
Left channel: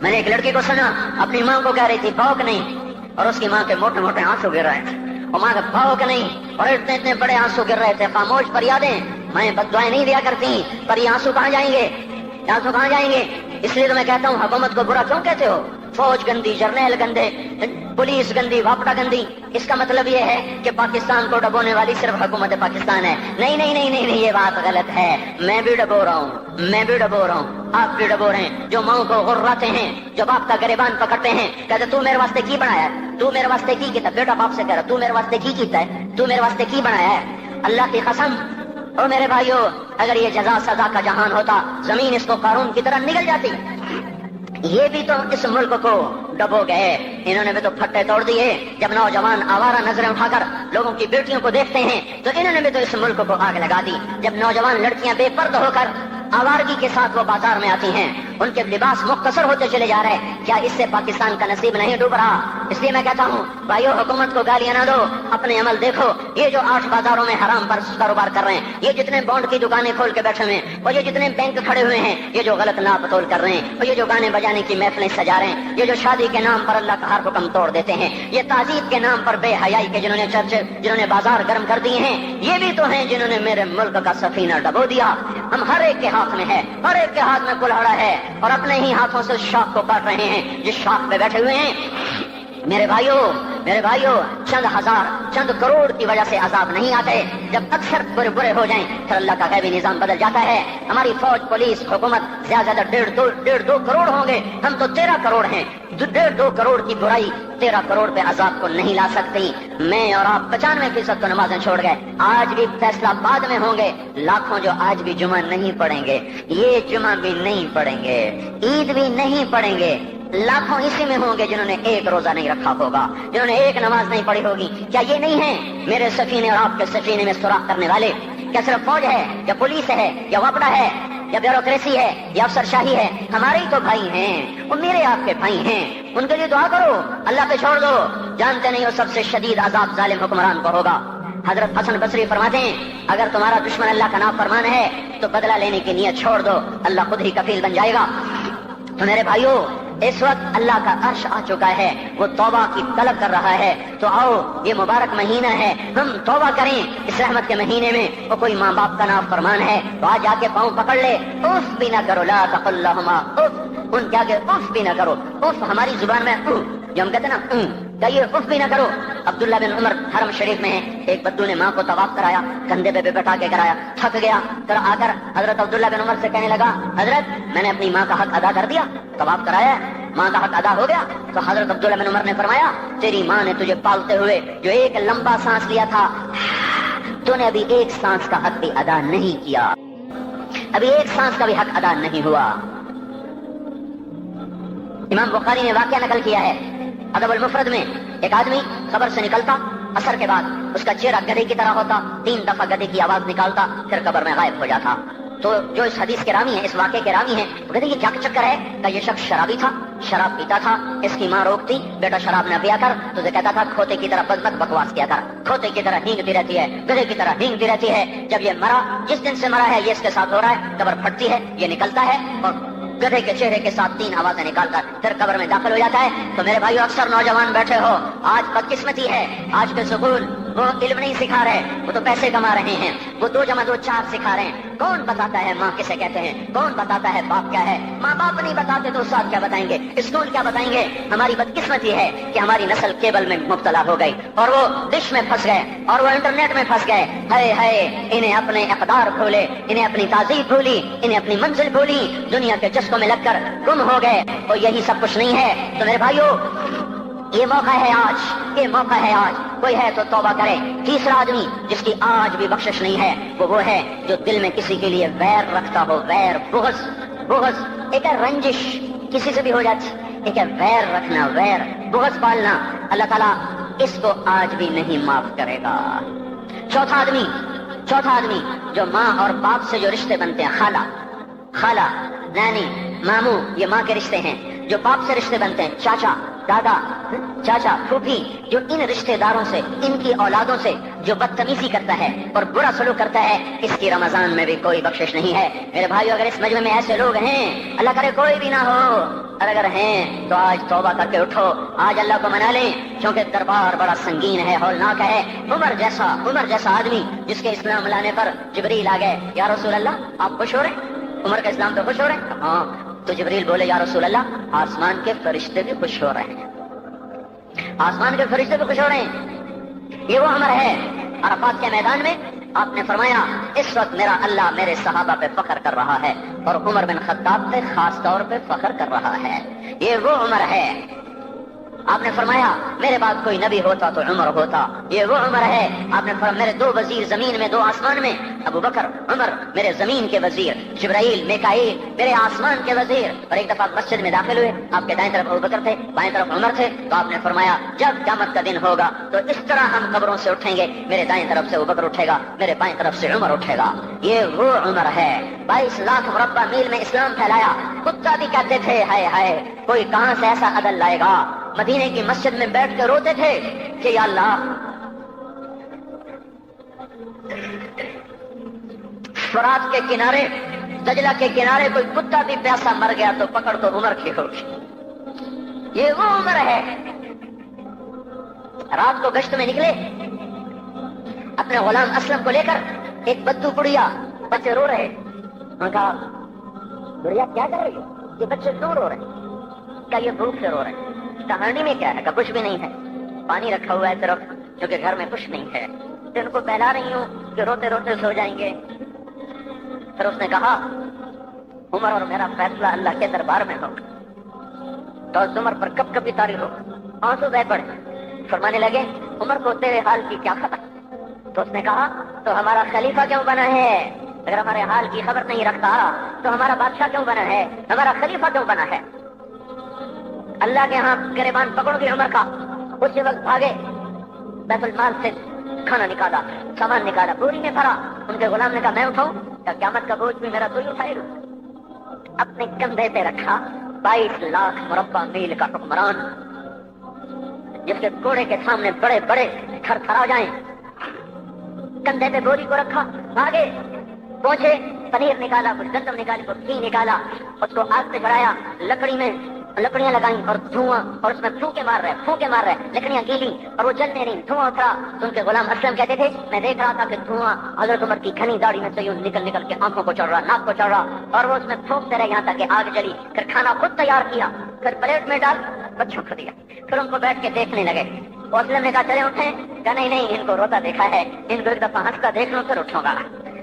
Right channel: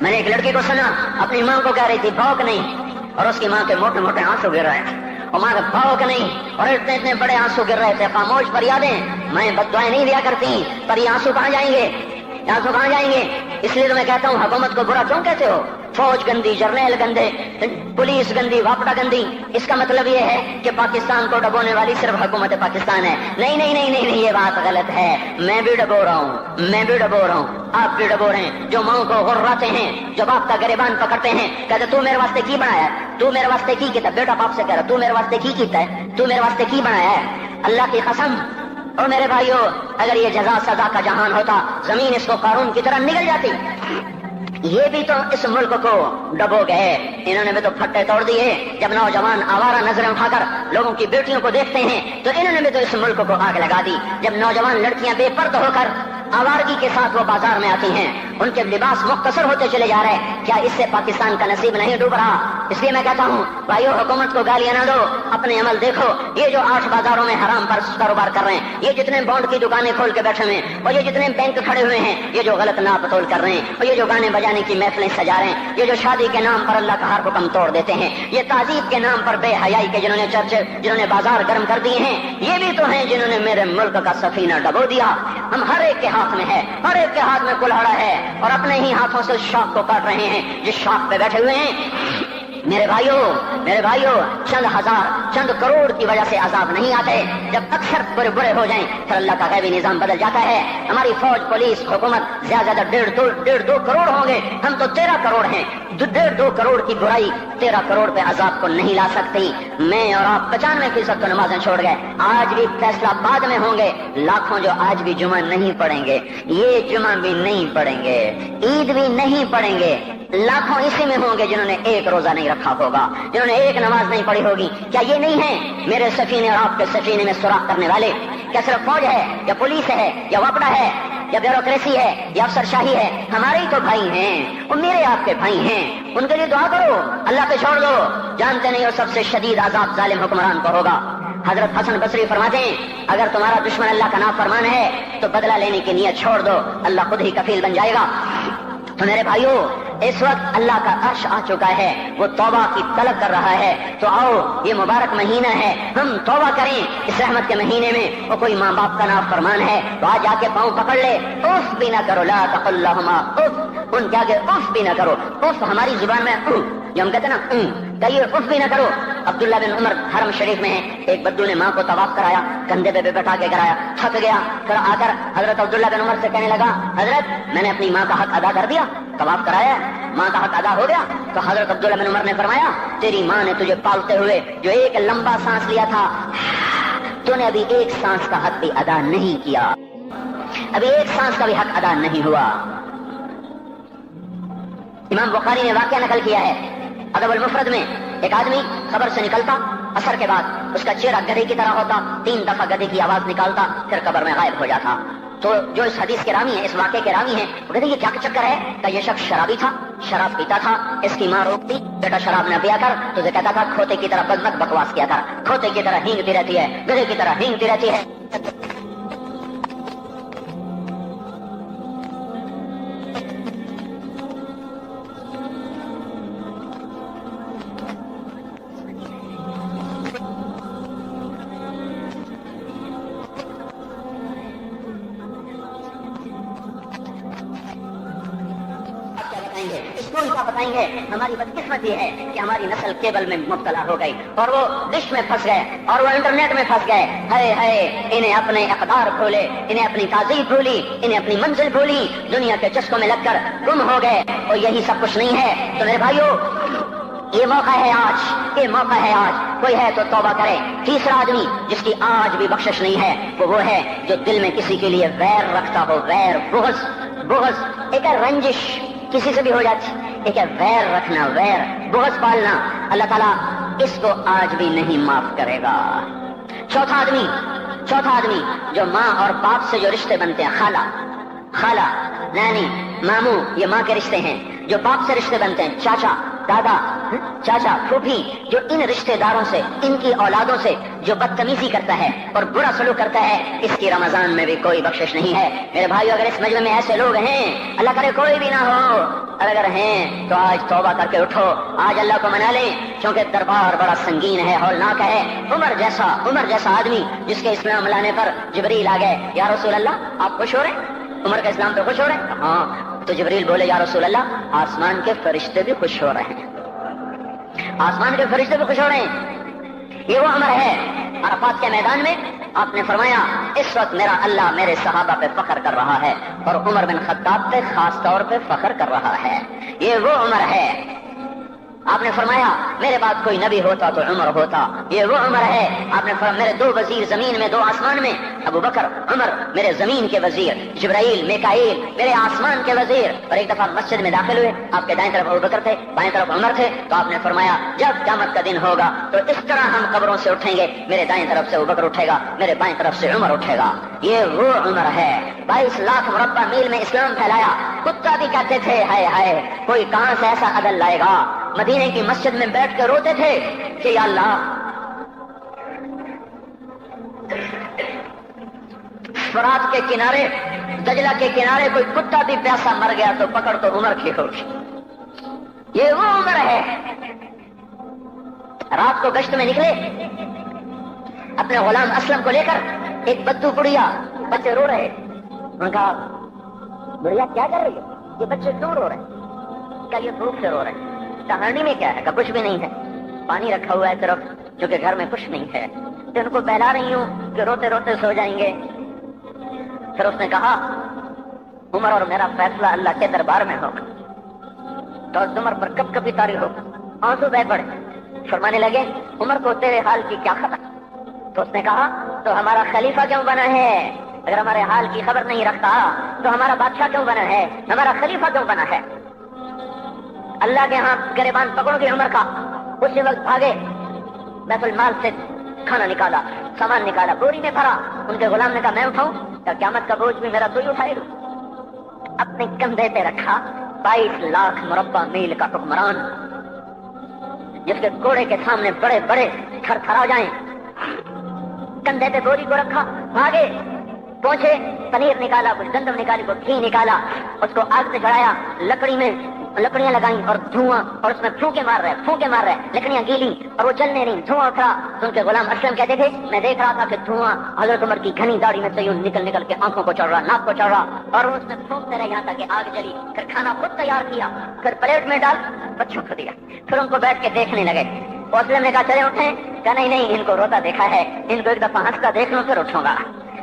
میں نے ایک لڑکی کو سنا اپنی ماں کو کہہ رہی تھی بھوک نہیں، اور اس کی ماں کے موٹے موٹے آنسو گر رہے ہیں، اور ماں کا بھوک نہیں، اور اتنے بڑے آنسو گر رہے تھے. خاموش فریادیں، میں بد دعائیں نہیں دیا کرتی، پر یہ آنسو کہاں جائیں گے؟ اس لیے تو میں کہتا ہوں حکومت کو برا کیوں کہتے ہو؟ فوج گندی، جرنیل گندے، پولیس گندی، واپڈا گندی. اس کا مطلب یہ ہے کہ پاکستان کو ڈبونے والی صرف حکومت پاکستان ہے. نہیں، یہ بات غلط ہے. میں بھی ڈبو رہا ہوں، آپ بھی ڈبو رہے ہیں. جو ماں کو غراتے ہیں، جو باپ کا گریبان پکڑتے ہیں، کہتے تو میرے واسطے کی بنایا ہے، تو میرے واسطے کی کیتا. بیٹا باپ سے کہہ رہا تو میرے واسطے کی کیتا ہے، تو میرے واسطے کی بنایا ہے. اللہ کی قسم اور میرے بھائیو، اگر یہ جزا سزا کا جہان ہوتا، زمین اس کو قارون کی طرح نگل جاتی. یہ بھی تو اس ملک کو ڈبو گئے، انہوں نے بھی تو پھٹے توڑ دیے. جب نوجوان آوارہ نظریں اٹھا کر لوگوں کی بیٹیوں کو دیکھتے ہیں تو انہوں نے بھی تو اس ملک کو آگ لگا دی. جب نوجوان لڑکیاں بے پردہ ہو کر آوارگی کے ساتھ وہ بازار میں آتی ہیں، ان کے لباس مختصر ہوتے چلے جا رہے ہیں، کیا اس سے پاکستان کا نصیب نہیں ڈوب رہا؟ اس لیے میں کہتا ہوں بھائیو، حکومت کو گالیاں نہ دو، اپنے عمل دیکھو. یہ جو 8 بازاروں میں حرام پر کاروبار کر رہے ہیں، یہ جتنے بانڈ کی دکانیں کھول کے بیٹھے ہوئے ہیں، اور یہ جتنے بینک کھڑے ہوئے ہیں، یہ جو غلط ناپ تول کر رہے ہیں، اور یہ جو گانے بجانے کی محفلیں سجا رہے ہیں، یہ جو شادی کے نام پر اللہ کا ہر حکم توڑ دیتے ہیں، یہ تعذیب کے نام پر بے حیائی کے جنہوں نے چرچے، جنہوں نے بازار گرم کر دیے ہیں، یہ بھی تو ہیں جنہوں نے میرے ملک کا سفینہ ڈبو دیا. ہم ہر ایک کے ہاتھ میں ہے، ہر ایک کے ہاتھ میں کلہاڑا ہے، اور اپنے ہی ہاتھوں سے شاخ کو کاٹ رہے ہیں جس شاخ پہ بیٹھے ہوئے ہیں. میرے بھائیوں چند ہزار چند کروڑ کی وجہ سے عذاب نہیں آتے. جب اکثر برے ہو جائیں پھر اللہ کا غیبی نظام بدل جاتا ہے. ہماری فوج، پولیس، حکومت زیادہ 1.5 کروڑ ہوں گے، ہم تو 13 کروڑ ہیں. جو 1.5 کروڑ کی برائی 13 کروڑ پہ عذاب کو نہیں لا سکتی. میں اور آپ 95% تو نمازیں چھوڑ گئے، آج بھی فیصلہ بعد میں ہوں گے. لاکھوں جو آج بھی جمعہ نہیں پڑھیں گے، یہ جمعہ بھی نہیں پڑھیں گے، عید بھی نہیں پڑھیں گے. لاکھوں اسی میں ہوں گے جنہوں نے ایک روزہ نہیں رکھا ہوگا، جنہوں نے ایک نماز نہیں پڑھی ہوگی. کیا یہ نہیں ہے میرے سفینے اور آپ کے سفینے میں سوراخ کرنے والے؟ کیا صرف فوج ہے یا پولیس ہے یا واپڈا ہے یا بیوروکریسی ہے یا افسر شاہی ہے؟ ہمارے ہی تو بھائی ہیں، وہ میرے آپ کے بھائی ہیں. ان کے لیے دعا کرو، اللہ پہ چھوڑ دو. جانتے نہیں وہ سب سے شدید عذاب ظالم حکمران کو ہوگا. حضرت حسن بصری فرماتے ہیں اگر تمہارا دشمن اللہ کا نافرمان ہے تو بدلہ لینے کی نیت چھوڑ دو، اللہ خود ہی کفیل بن جائے گا. تو میرے بھائیوں، اس وقت اللہ کا عرش آ چکا ہے، وہ توبہ کی طلب کر رہا ہے. تو آؤ، یہ مبارک مہینہ ہے، ہم توبہ کریں. اس رحمت کے مہینے میں وہ کوئی ماں باپ کا نافرمان ہے تو آج جا کے پاؤں پکڑ لے، اف بھی نہ کرو، لا تقل لہما اف، ان کے آگے اف بھی نہ کرو. اف ہماری زبان میں جو ہم کہتے ہیں نا، کہیے اف بھی نہ کرو. عبداللہ بن عمر حرم شریف میں ہے، ایک بدو نے ماں کو طواف کرایا، کندھے پہ بٹھا کے کرایا، تھک گیا. پھر آ کر حضرت عبداللہ بن عمر سے کہنے لگا حضرت میں نے اپنی ماں کا حق ادا کر دیا، طواف کرایا، ماں کا حق ادا ہو گیا. تو حضرت عبداللہ بن عمر نے فرمایا تیری ماں نے تجھے پالتے ہوئے جو ایک لمبا سانس لیا تھا، تو نے ابھی ایک سانس کا حق بھی ادا نہیں کیا، ابھی ایک سانس کا بھی حق ادا نہیں ہوا. امام بخاری نے واقعہ نقل کیا ہے ادب المفرد میں، ایک آدمی قبر سے نکلتا، عصر کے بعد اس کا چہرہ گدھے کی طرح ہوتا، 3 دفعہ گدھے کی آواز نکالتا، پھر قبر میں غائب ہو جاتا. تو جو اس حدیث کے راوی ہیں، اس واقعے کے راوی ہیں، وہ کہتے ہیں یہ کیا چکر ہے کہ یہ شخص شرابی تھا، شراب پیتا تھا. اس کی ماں روکتی بیٹا شراب نہ پیا کر، تو یہ کہتا تھا کھوتے کی طرح بزنک بکواس کیا کر، کھوتے کی طرح ہینگتی رہتی ہے، گدھے کی طرح ہینگتی رہتی ہے. جب یہ مرا، جس دن سے مرا ہے یہ اس کے ساتھ ہو رہا ہے، قبر پھٹتی ہے، یہ نکلتا ہے اور گدھے کے چہرے کے ساتھ 3 آوازیں نکال کر پھر قبر میں داخل ہو جاتا ہے. تو میرے بھائیو، اکثر نوجوان بیٹھے ہو، آج بدقسمتی ہے، آج کے سکول وہ علم نہیں سکھا رہے، وہ تو پیسے کما رہے ہیں، وہ 2 × 2 4 سکھا رہے ہیں. کون بتاتا ہے ماں کسے کہتے ہیں؟ کون بتاتا ہے باپ کیا ہے؟ ماں باپ نہیں بتاتے تو استاد کیا بتائیں گے؟ اسکول کیا بتائیں گے؟ ہماری بدقسمتی ہے کہ ہماری نسل کیبل میں مبتلا ہو گئی، اور وہ ڈش میں پھنس گئے، اور وہ انٹرنیٹ میں پھنس گئے. ہے انہیں اپنے اقدار بھولے، انہیں اپنی تہذیب بھولی، انہیں اپنی منزل بھولی، دنیا کے چسکوں میں لگ کر گم ہو گئے. اور یہی سب کچھ نہیں ہے. تو میرے بھائیو، یہ موقع ہے آج، یہ موقع ہے آج. کوئی ہے تو توبہ کرے. تیسرا آدمی جس کی آج بھی بخشش نہیں ہے وہ ہے جو دل میں کسی کے لیے ویر رکھتا ہو، ویر، بغض، بغض، ایک ہے رنجش کسی سے بھی ہو جاتی، ایک ہے ویر رکھنا، ویر بغض پالنا، اللہ تعالیٰ اس کو آج بھی نہیں معاف کرے گا۔ چوتھا آدمی جو ماں اور باپ سے جو رشتے بنتے ہیں، خالہ نانی ماموں، یہ ماں کے رشتے ہیں، جو باپ سے رشتے بنتے ہیں، چاچا دادا چاچا پھوپھی، جو ان رشتے داروں سے، ان کی اولادوں سے جو بدتمیزی کرتا ہے اور برا سلوک کرتا ہے، اس کی رمضان میں بھی کوئی بخشش نہیں ہے۔ میرے بھائیو، اگر اس مجمع میں ایسے لوگ ہیں، اللہ کرے کوئی بھی نہ ہو، اور اگر ہیں تو آج توبہ کر کے اٹھو، آج اللہ کو منا لیں، کیونکہ دربار بڑا سنگین ہے، ہولناک ہے۔ عمر جیسا آدمی جس کے اسلام لانے پر جبریل آ گئے، یا رسول اللہ آپ خوش ہو رہے؟ عمر کے اسلام پہ خوش ہو رہے ہیں؟ ہاں۔ تو جبریل بولے، یا رسول اللہ آسمان کے فرشتے بھی خوش ہو رہے ہیں، آسمان کے فرشتے بھی خوش ہو رہے ہیں۔ یہ وہ عمر ہے۔ عرفات کے میدان میں آپ نے فرمایا، اس وقت میرا اللہ میرے صحابہ پہ فخر کر رہا ہے، اور عمر بن خطاب پہ خاص طور پہ فخر کر رہا ہے۔ یہ وہ عمر ہے۔ آپ نے فرمایا، میرے بعد کوئی نبی ہوتا تو عمر ہوتا۔ یہ وہ عمر ہے۔ آپ نے فرمایا، میرے دو وزیر زمین میں، دو آسمان میں، ابو بکر عمر میرے زمین کے وزیر، جبرائیل میکائیل میرے آسمان کے وزیر۔ اور ایک دفعہ مسجد میں داخل ہوئے، آپ کے دائیں طرف ابو بکر تھے، بائیں طرف عمر تھے، تو آپ نے فرمایا، جب قیامت کا دن ہوگا تو اس طرح ہم قبروں سے اٹھیں گے، میرے دائیں طرف سے ابو بکر اٹھے گا، میرے بائیں طرف سے عمر اٹھے گا۔ یہ وہ عمر ہے۔ 22 لاکھ مربع میل میں اسلام پھیلایا۔ کتا بھی کہتے تھے، ہائے ہائے کوئی کہاں سے ایسا عدل لائے گا۔ مدینے کی مسجد میں بیٹھ کے روتے تھے کہ یا اللہ، فرات کے کنارے، دجلہ کے کنارے کوئی کتا بھی پیاسا مر گیا تو پکڑ تو عمر کی ہوگی۔ یہ وہ عمر ہے۔ رات کو گشت میں نکلے اپنے غلام اسلم کو لے کر، ایک بدو بڑھیا، بچے رو رہے، انہوں نے کہا، بڑھیا کیا کر رہی ہے؟ یہ بچے کیوں رو رہے ہیں؟ کیا یہ بھوک سے رو رہے ہیں؟ کہانی میں کیا ہے؟ کہ کچھ بھی نہیں ہے، پانی رکھا ہوا ہے صرف، کیونکہ گھر میں کچھ نہیں ہے، تو ان کو بہلا رہی ہوں کہ روتے روتے سو جائیں گے۔ پھر اس نے کہا، عمر اور میرا فیصلہ اللہ کے دربار میں ہوگا، تو عمر پر کب کبھی طاری ہوگا۔ آنسو بہ پڑے، فرمانے لگے، عمر کو تیرے حال کی کیا خبر؟ تو اس نے کہا، تو ہمارا خلیفہ کیوں بنا ہے؟ اگر ہمارے حال کی خبر نہیں رکھتا تو ہمارا بادشاہ کیوں بنا ہے؟ ہمارا خلیفہ کیوں بنا ہے؟ اللہ کے ہاں گریبان پکڑو گے عمر کا۔ اسی وقت بھاگے، بیت المال سے کھانا نکالا، سامان نکالا، بوری میں بھرا۔ ان کے غلام نے کہا، میں اٹھاؤں؟ کہ قیامت کا بوجھ بھی میرا تو ہی اٹھائے گا۔ اپنے کندھے پہ رکھا 22 لاکھ مربع میل کا حکمران، جس کے گھوڑے کے سامنے بڑے بڑے تھر تھرا جائیں۔ کندھے پہ بوری کو رکھا، بھاگے، پہنچے، پنیر نکالا، کچھ گندم نکالی، کچھ گھی نکالا، اس کو آگ پہ چڑھایا، لکڑی میں لکڑیاں لگائیں اور دھواں، اور اس میں پھونکے مار رہے، لکڑیاں گیلی اور وہ جلنے رہی، دھواں اترا۔ تو ان کے غلام اسلم کہتے تھے، میں دیکھ رہا تھا کہ دھواں حضرت عمر کی گھنی داڑھی میں سے یوں نکل نکل کے آنکھوں کو چڑھ رہا، ناک کو چڑھ رہا، اور وہ اس میں پھونکتے رہے یہاں تک کہ آگ جلی۔ پھر کھانا خود تیار کیا، پھر پلیٹ میں ڈال بچوں کو دیا، پھر ان کو بیٹھ کے دیکھنے لگے۔ اسلم نے کہا، چلے اٹھیں؟ کہا، نہیں، ان کو روتا دیکھا ہے، ان کو ایک دفعہ ہنستا دیکھ لوں پھر اٹھوں گا۔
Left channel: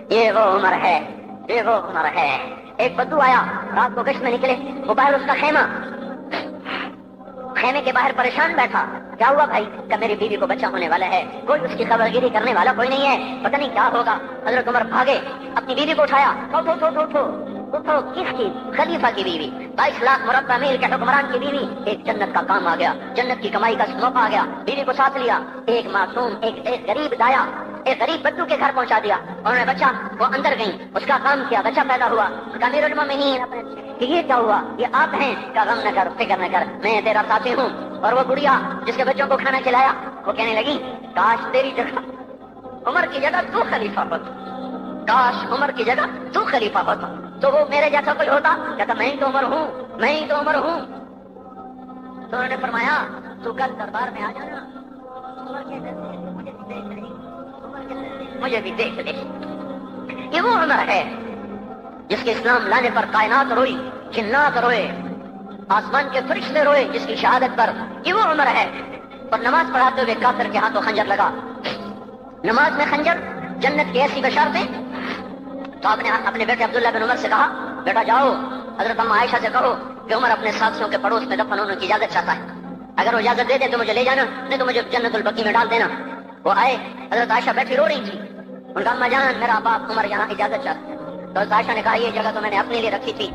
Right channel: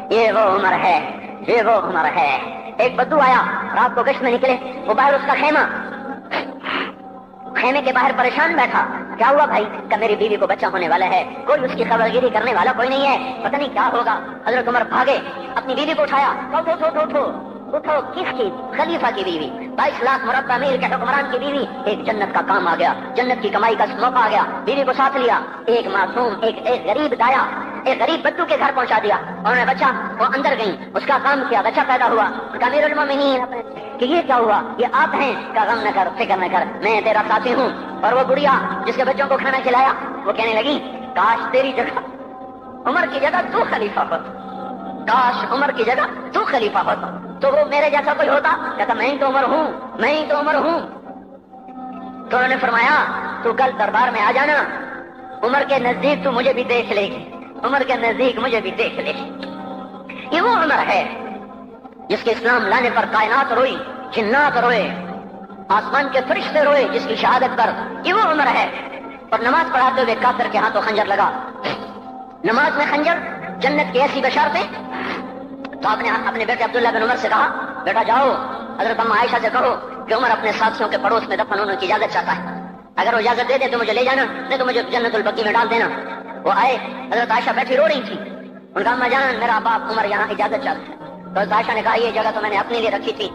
یہ وہ عمر ہے، یہ وہ عمر ہے۔ ایک بدو آیا، رات کو گشت میں نکلے، وہ باہر اس کا خیمے کے باہر پریشان بیٹھا۔ کیا ہوا بھائی؟ کہ میری بیوی کو بچہ ہونے والا ہے، کوئی اس کی خبر گیری کرنے والا کوئی نہیں ہے، پتہ نہیں کیا ہوگا۔ حضرت عمر بھاگے، اپنی بیوی کو اٹھایا، اٹھو، کس کی؟ خلیفہ کی بیوی، 22 لاکھ مربع میل کے حکمران کی بیوی۔ ایک جنت کا کام آ گیا، جنت کی کمائی کا موقع آ گیا، بیوی کو ساتھ لیا، ایک معصوم، ایک غریب دایا، ایک غریب بدو کے گھر پہنچا دیا، انہوں نے بچہ، وہ اندر گئی، اس کا کام کیا، بچہ پیدا ہوا۔ ان کا امیر المومنین کہ یہ کیا ہوا؟ یہ آپ ہیں؟ کا غم نہ کر، فکر نہ کر، میں تیرا ساتھی ہوں۔ اور وہ بڑھیا جس کے بچوں کو کھانا کھلایا، وہ کہنے لگی، کاش تیری جگہ عمر کی جگہ تو خلیفہ ہوتا، کاش عمر کی جگہ تو خلیفہ ہوتا تو وہ میرے جیسا کوئی ہوتا۔ کہتا، میں ہی تو عمر ہوں۔ تو انہوں نے فرمایا، تو کل دربار میں آ جانا، عمر کے نزدیک تو مجھے بھی دیکھ لے گی، عمر کے نزدیک مجھے بھی دیکھ لے گی۔ یہ وہ عمر ہے جس کے اسلام لانے پر کائنات روئی، جنات روئے، آسمان کے فرشتے روئے جس کی شہادت پر۔ یہ وہ عمر ہے۔ اور نماز پڑھاتے ہوئے کافر کے ہاتھوں خنجر لگا، نماز میں خنجر، جنت کی ایسی بشارتیں۔ تو آپ نے اپنے بیٹے عبداللہ بن عمر سے کہا، بیٹا جاؤ حضرت اماں عائشہ سے کہو کہ عمر اپنے ساتھیوں کے پڑوس میں دفن ہونے کی اجازت چاہتا ہے، اگر وہ اجازت دے دے تو مجھے لے جانا، نہیں تو مجھے جنت البقیع میں ڈال دینا۔ وہ آئے، حضرت عائشہ بیٹھی رو رہی تھی، ان کا، اما جان میرا باپ عمر یہاں اجازت چاہتا ہے۔ تو عائشہ نے کہا، یہ جگہ تو میں نے اپنے لیے رکھی تھی،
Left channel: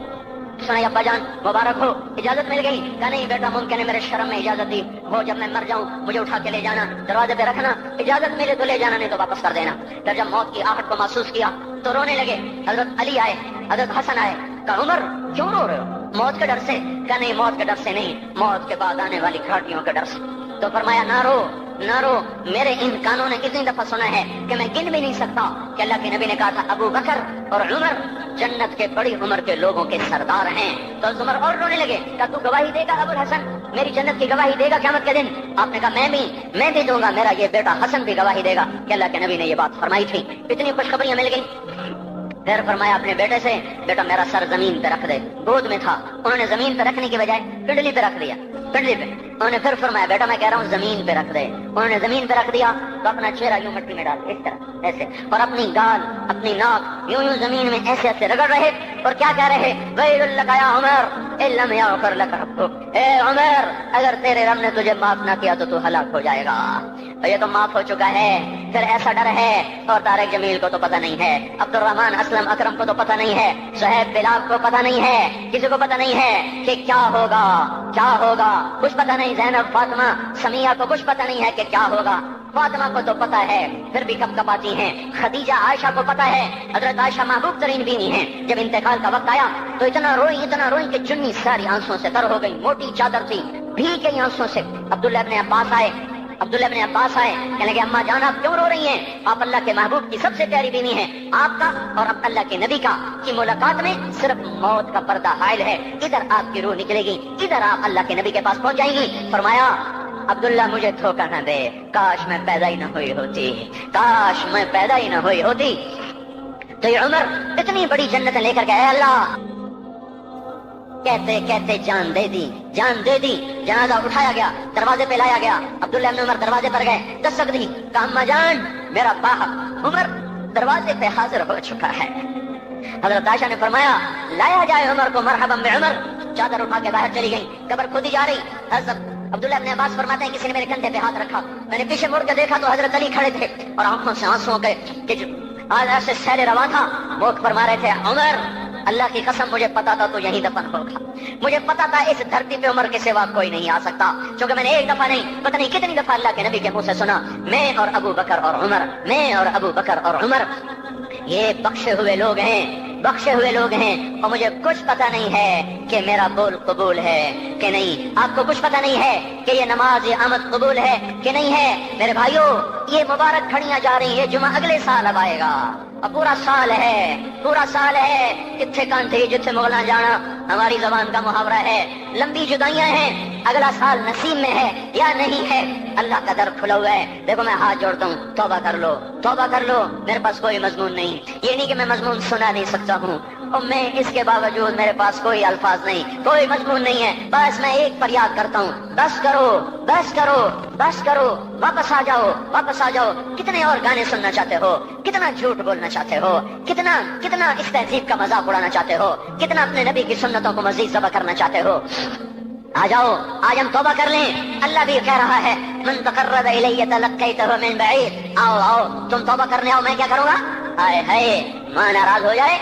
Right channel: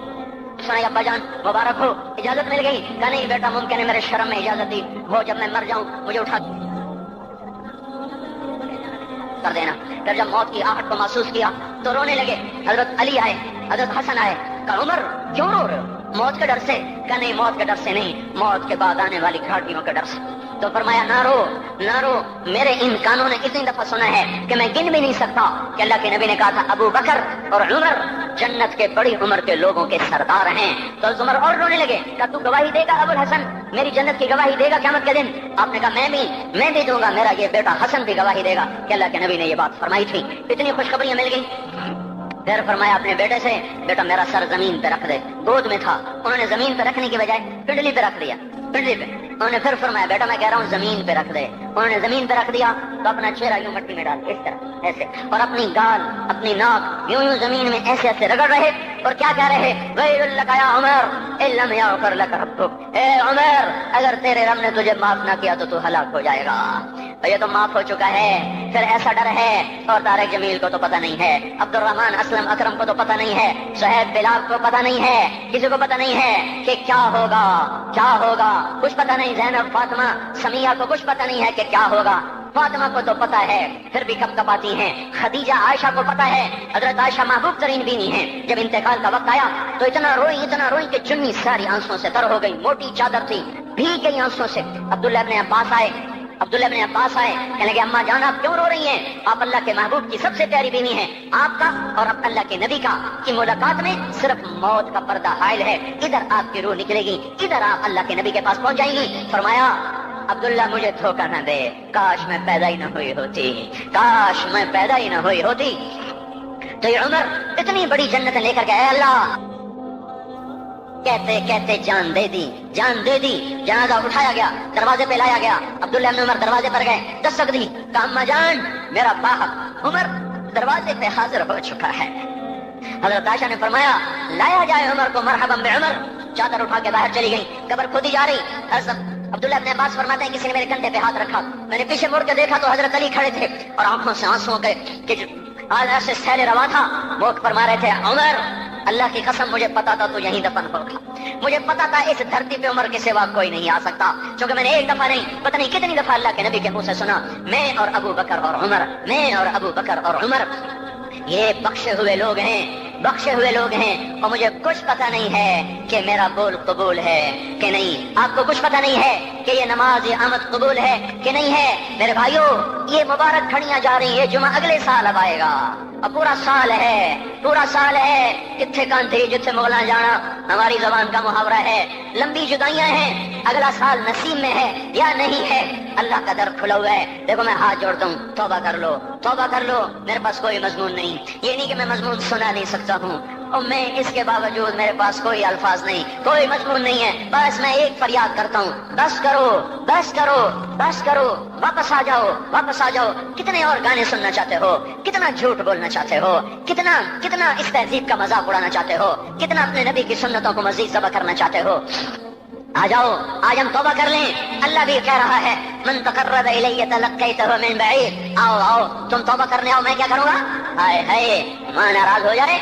سنا ابا جان مبارک ہو، اجازت مل گئی؟ کہا نہیں بیٹا ممکن ہے میرے شرم میں اجازت دی ہو، جب میں مر جاؤں مجھے اٹھا کے لے جانا، دروازے پہ رکھنا، اجازت ملے تو لے جانا نہیں تو واپس کر دینا۔ پھر جب موت کی آہٹ کو محسوس کیا تو رونے لگے۔ حضرت علی آئے، حضرت حسن آئے، کہا عمر کیوں رو رہے ہو؟ موت کے ڈر سے؟ کہا نہیں موت کے ڈر سے نہیں، موت کے بعد آنے والی گھاٹیوں کے ڈر سے۔ تو فرمایا نہ رو نہ رو، میرے ان کانوں نے کتنی دفعہ سنا ہے کہ میں گن بھی نہیں سکتا کہ اللہ کے نبی نے کہا تھا ابو بکر اور عمر جنت کے بڑی عمر کے لوگوں کے سردار ہیں۔ تو عمر اور رونے لگے، کہا تو گواہی دے گا ابو الحسن، میری جنت کی گواہی دے گا قیامت کے دن؟ آپ نے کہا میں بھی دوں گا، میرا یہ بیٹا حسن بھی گواہی دے گا کہ اللہ کے نبی نے یہ بات فرمائی تھی۔ اتنی خوشخبریاں مل گئی۔ پھر فرمایا اپنے بیٹے سے بیٹا میرا سر زمین پہ رکھ دے، گود میں تھا، انہوں نے زمین پہ رکھنے کی بجائے پنڈلی پہ رکھ دیا، پنڈلی پہ۔ انہوں نے پھر فرمایا بیٹا میں کہہ رہا ہوں زمین پہ رکھ دے، انہوں نے زمین پہ رکھ دیا تو اپنا چہرہ یوں مٹی میں ڈال اس طرح ایسے، اور اپنی گال اپنی ناک یوں زمین میں ایسے ایسے رگڑ رہے اور کیا کہہ رہے؟ ویل لک یا عمر ان لم یغفر لک ربک، اے عمر اگر تیرے رب نے تجھے معاف نہ کیا تو ہلاک ہو جائے گا۔ یہ تو معاف ہو چکا ہے، پھر ایسا ڈر ہے، اور دار جمیل کو تو پتہ نہیں ہے، عبد الرحمن اسلم اکرم کو تو پتہ نہیں ہے، صہیب بلال کو پتہ نہیں ہے، کسی کو پتہ نہیں ہے کہ کیا ہوگا کیا ہوگا، کچھ پتہ نہیں۔ زینب فاطمہ سمیہ کو کچھ پتہ نہیں ہے کہ کیا ہوگا، فاطمہ کو تو پتہ ہے پھر بھی کب کپاتی ہیں، خدیجہ عائشہ کو پتہ ہے، حضرت عائشہ محبوب ترین بیوی ہیں، جب انتقال کا وقت آیا تو اتنا روئی کہ چنی ساری آنسوں سے تر ہو گئی، موٹی چادر تھی بھیگ گئی آنسوں سے۔ عبداللہ ابن عباس آئے کہنے لگے اماں جان آپ کیوں رو رہی ہیں؟ آپ اللہ کے محبوب کی سب سے پیاری بیوی ہیں، آپ کا اور اللہ کے نبی کا کی ملاقات میں صرف موت کا پردہ حائل ہے، ادھر آپ کی روح نکلے گی، ادھر آپ اللہ کے نبی کے پاس پہنچ جائیں گی۔ فرمایا عبداللہ مجھے دھوکہ نہ دے، کاش میں پیدا ہی نہ ہوئی ہوتی، کاش میں پیدا ہی نہ ہوئی ہوتی۔ تو یہ عمر اتنی بڑی جنت لے کر گئے، اللہ کہتے کہتے جان دے دی، جنازہ اٹھایا گیا، دروازے پہ لایا گیا، عبداللہ بن عمر دروازے پر گئے، دستک دی، کہا اماں جان میرا باپ عمر دروازے پہ حاضر ہو چکا ہے۔ حضرت عائشہ نے فرمایا لایا جائے عمر کو، مرحبا بعمر۔ چادر اٹھا کے باہر چلی گئی، قبر کھودی جا رہی۔ عبداللہ ابن عباس فرماتے ہیں کسی نے میرے کندھے پہ ہاتھ رکھا، میں نے پیچھے مڑ کے دیکھا تو حضرت علی کھڑے تھے اور آنکھوں سے آنسوں کے ایسے سیل روا تھا، موت فرما رہے تھے عمر اللہ کی قسم مجھے پتا تھا تو یہیں دفن ہوگا، مجھے پتا تھا اس دھرتی پہ عمر کے سوا کوئی نہیں آ سکتا، کیونکہ میں نے ایک دفعہ نہیں پتہ نہیں کتنی دفعہ اللہ کے نبی کے منہ سے سنا میں اور ابو بکر اور عمر، میں اور ابو بکر اور عمر یہ بخشے ہوئے لوگ ہیں اور مجھے کچھ پتہ نہیں ہے کہ میرا بول قبول ہے کہ نہیں، آپ کو کچھ پتہ نہیں ہے کہ یہ نماز یہ آمد قبول ہے کہ نہیں ہے۔ میرے بھائیو یہ مبارک گھڑیاں جا رہی ہے، جمعہ اگلے سال اب آئے گا اور پورا سال ہے کتنے کانتی جتنے مغلاں جانا ہماری زبان کا محاورہ ہے، لمبی جدائیاں ہیں، اگلا سال نصیب میں ہے یا نہیں ہے، اللہ کا در کھلا ہوا ہے۔ دیکھو میں ہاتھ جوڑتا ہوں، توبہ کر لو، میرے پاس کوئی مضمون نہیں، یہ نہیں کہ میں مضمون سنا نہیں سکتا ہوں اور میں اس کے باوجود میرے پاس کوئی الفاظ نہیں، کوئی مضمون نہیں ہے، بس میں ایک فریاد کرتا ہوں بس کرو، واپس آ جاؤ۔ کتنے اور گانے سننا چاہتے ہو، کتنا جھوٹ بولنا چاہتے ہو، کتنا اس تہذیب کا مذاق اڑانا چاہتے ہو، کتنا اپنے نبی کی سنتوں کو مزید ذبح کرنا چاہتے ہو۔ آ جاؤ آج ہم توبہ کر لیں، اللہ بھی کہہ رہا ہے من تقرب الی تلقیتہ من بعید، آؤ تم توبہ کرنے آؤ، میں کیا کروں گا؟ ہائے ماں ناراض ہو جائے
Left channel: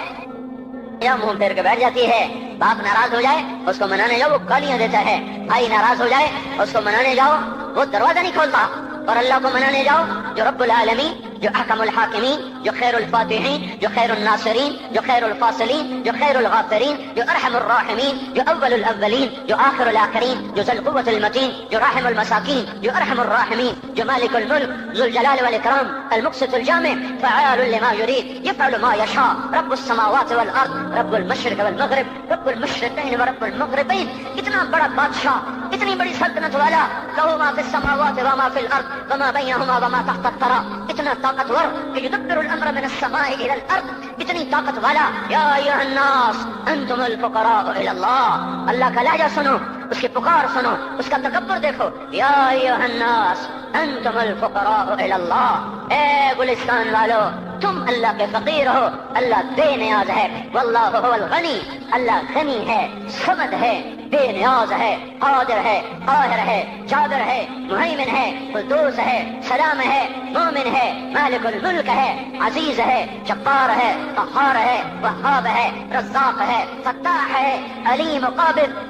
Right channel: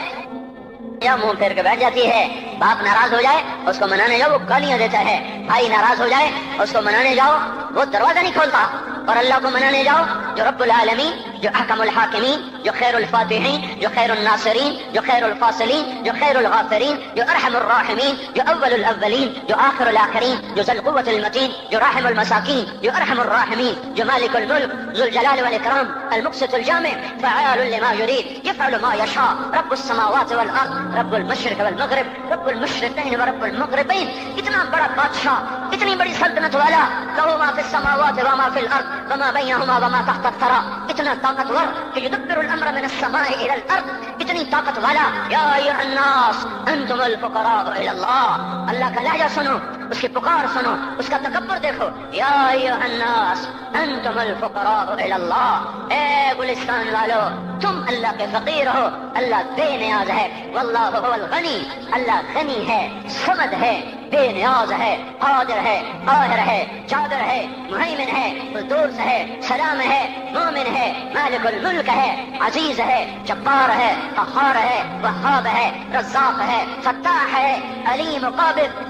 یا منہ پھیر کے بیٹھ جاتی ہے، باپ ناراض ہو جائے اس کو منانے جاؤ وہ گالیاں دیتا ہے، بھائی ناراض ہو جائے اس کو منانے جاؤ وہ دروازہ نہیں کھولتا، اور اللہ کو منانے جاؤ جو رب العالمین، جو حکم الحاکمین، جو خیر الفاتحین، جو خیر الناصرین، جو خیر الفاصلین، جو خیر الغافرین، جو ارحم الراحمین، جو اول الاولین، جو آخر الاخرین، جو ذو القوة المتین، جو رحم المساکین، جو ارحم الراحمین، جو مالک الملک ذو الجلال والاکرام المقسط الجامع فعال لما يريد يفعل ما يشاء رب السماوات والارض رب المشرق والمغرب رب المشرقین ورب المغربین، اتنا بڑا بادشاہ، اتنی بڑی سلطنت والا، له ما في السماوات وما في الارض وما بينهما وما تحت الثرى، اتنا طاقتور کہ يدبر الامر من السماء الى الارض، اتنی طاقت والا۔ یا ایھا الناس انتم الفقراء الى اللہ، اللہ کا لہجہ سنو، اس کی پکار سنو، اس کا تکبر دیکھو، یا ایھا الناس انتم الفقراء الى اللہ، اے گلستان والو تم اللہ کے فقیر ہو، اللہ بے نیاز ہے، واللہ هو الغنی، اللہ غنی ہے، صمد ہے، بے نیاز ہے، قادر ہے، قاہر ہے، جابر ہے، مہیمن ہے، قدوس ہے، سلام ہے، مومن ہے، مالک الملک ہے، عزیز ہے، جبار ہے، قہار ہے، وہاب ہے، رزاق ہے، فتاح ہے، علیم و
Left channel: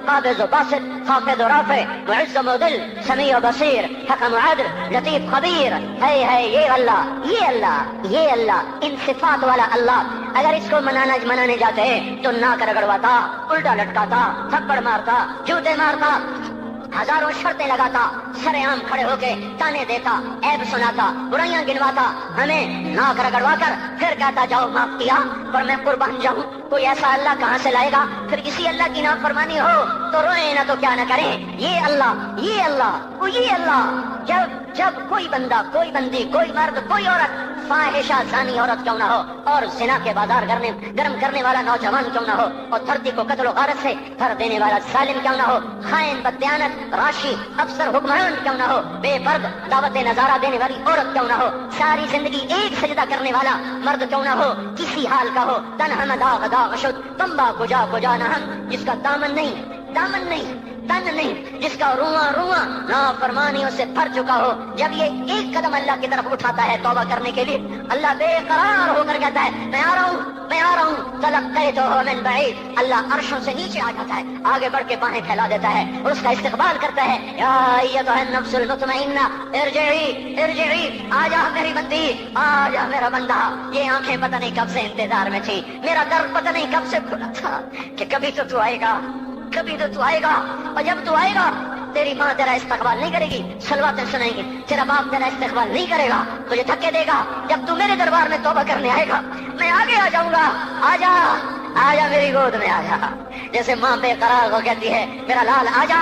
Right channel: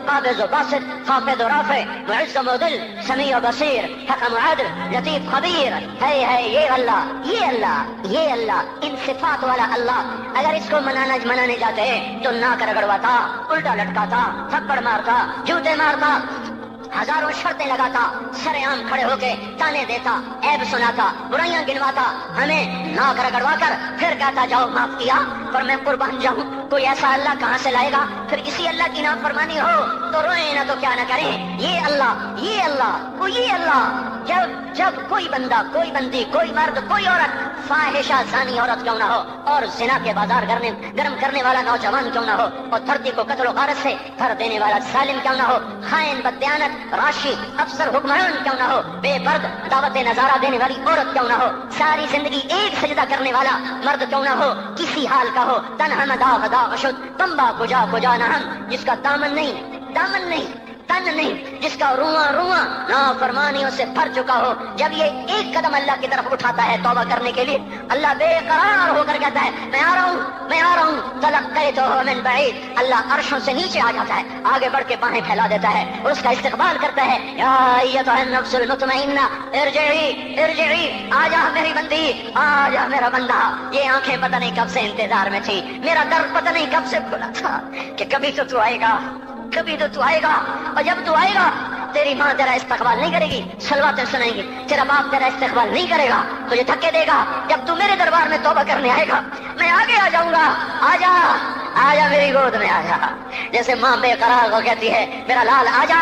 قابض و باسط، خافض و رافع، معز و مذل، سمیع و بصیر، حکم و عدل، لطیف خبیر ہے یہ اللہ، یہ اللہ، یہ اللہ، ان صفات والا اللہ اگر اس کو منانے جاتے تو ناک رگڑواتا، الٹا لٹکاتا، تھپڑ مارتا، جوتے مارتا، ہزاروں شرطیں لگاتا، سرے عام کھڑے ہو کے تانے دیتا، عیب سناتا، برائیاں گنواتا، ہمیں ناک رگڑوا کر پھر کہتا جاؤ معاف کیا پر میں قربان جاؤں۔ کوئی ایسا اللہ کہاں سے لائے گا؟ پھر کسی اللہ کی نافرمانی ہو تو روئے نہ تو کیا نہ کریں۔ یہ اللہ، یہ اللہ، یہ اللہ، جب کوئی بندہ، کوئی بندی، کوئی مرد، کوئی عورت فاحشہ زانی عورت کیوں نہ ہو اور زنا کے بازار گرم کرنے والا نوجوان کیوں نہ ہو اور دھرتی کو قتل و غارت سے بھر دینے والا ظالم کیوں نہ ہو، خائن، بددیانت، راشی، افسر، حکمران کیوں نہ ہو، بے پرد دعوت نظارہ دینے والی عورت کیوں نہ ہو، ساری زندگی ایک سجدہ کرنے والا مرد کیوں نہ ہو، کسی حال کا ہو، تنہا نہ داغ داغ شد تمبا کجا نہ ہم، جس کا دامن نہیں، تن نہیں، جس کا رواں نافرمانیوں سے بھر چکا ہو، جب یہ ایک قدم اللہ کی طرف اٹھاتا ہے توبہ کرنے کے لیے، اللہ بے قرار ہو کر کہتا ہے میں آ رہا ہوں، تلقیتہ من بعید، اللہ عرشوں سے نیچے آ جاتا ہے، آگے بڑھ کے باہیں پھیلا دیتا ہے اور اس کا استقبال کرتا ہے، یا ایتھا النفس المطمئنہ ارجعی، آ جا میری بندی، آ جا میرا بندہ۔ یہ آنکھیں پتہ نہیں کب سے انتظار میں تھی، میرا در پتہ نہیں کب سے کھلا تھا کہ کبھی تو آئے گا، کبھی تو آئے گا، اور جب تو آئے گا تیری ماں تیرا استقبال نہیں کرے گی، صلواتیں سنائیں گی، تیرا باپ تیرا استقبال نہیں کرے گا، تجھے دھکے دے گا، جب تو میرے دربار میں توبہ کرنے آئے گا میں آگے آ جاؤں گا، آ جا میری گود میں آ جا۔ جیسے ماں بے قرار ہو کہتی ہے میرا لال آ جا،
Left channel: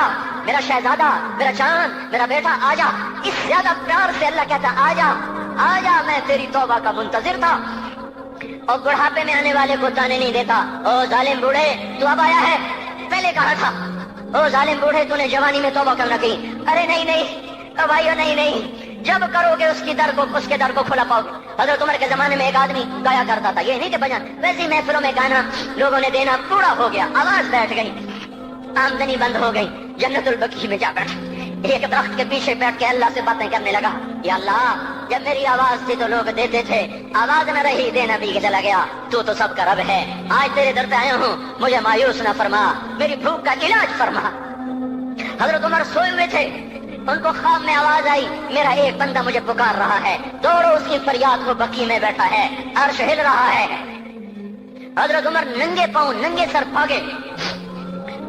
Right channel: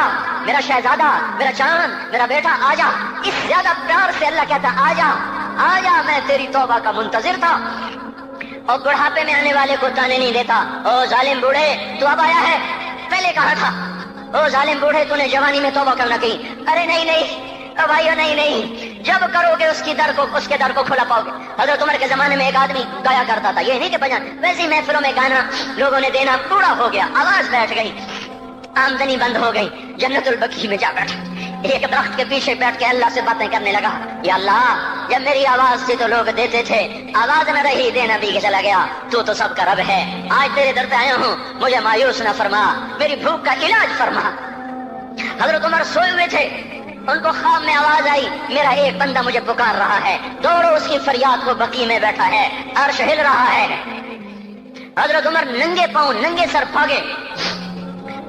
میرا شہزادہ، میرا چاند، میرا بیٹا آ جا، اس زیادہ پیار سے اللہ کہتا آ جا، میں تیری توبہ کا منتظر تھا۔ اور بڑھاپے میں آنے والے کو تانے نہیں دیتا، او ظالم بوڑھے تو اب آیا ہے، پہلے کہا تھا او ظالم بوڑھے تو نے جوانی میں توبہ کرنا کی، ارے نہیں بھائیو نہیں، جب کرو گے اس کے در کو کھلا پاؤ گے۔ حضرت عمر کے زمانے میں ایک آدمی گایا کرتا تھا، یہ نہیں کہ بجن، ویسی محفلوں میں گانا لوگوں نے دینا پورا ہو گیا، آواز بیٹھ گئی، آمدنی بند ہو گئی، جنت البقیع میں جا بیٹھا، ایک درخت کے پیچھے بیٹھ کے اللہ سے باتیں کرنے لگا، یا اللہ جب میری آواز تھی تو لوگ دیتے تھے، آواز میں رہی دینا بھی چلا گیا، تو سب کا رب ہے، آج تیرے در پہ آیا ہوں، مجھے مایوس نہ فرما، میری بھوک کا علاج فرما۔ حضرت عمر سوئے ہوئے تھے، ان کو خواب میں آواز آئی میرا ایک بندہ مجھے پکار رہا ہے، دوڑو اس کی فریاد، وہ بقیع میں بیٹھا ہے، عرش ہل رہا ہے۔ حضرت عمر ننگے پاؤں ننگے سر بھاگے،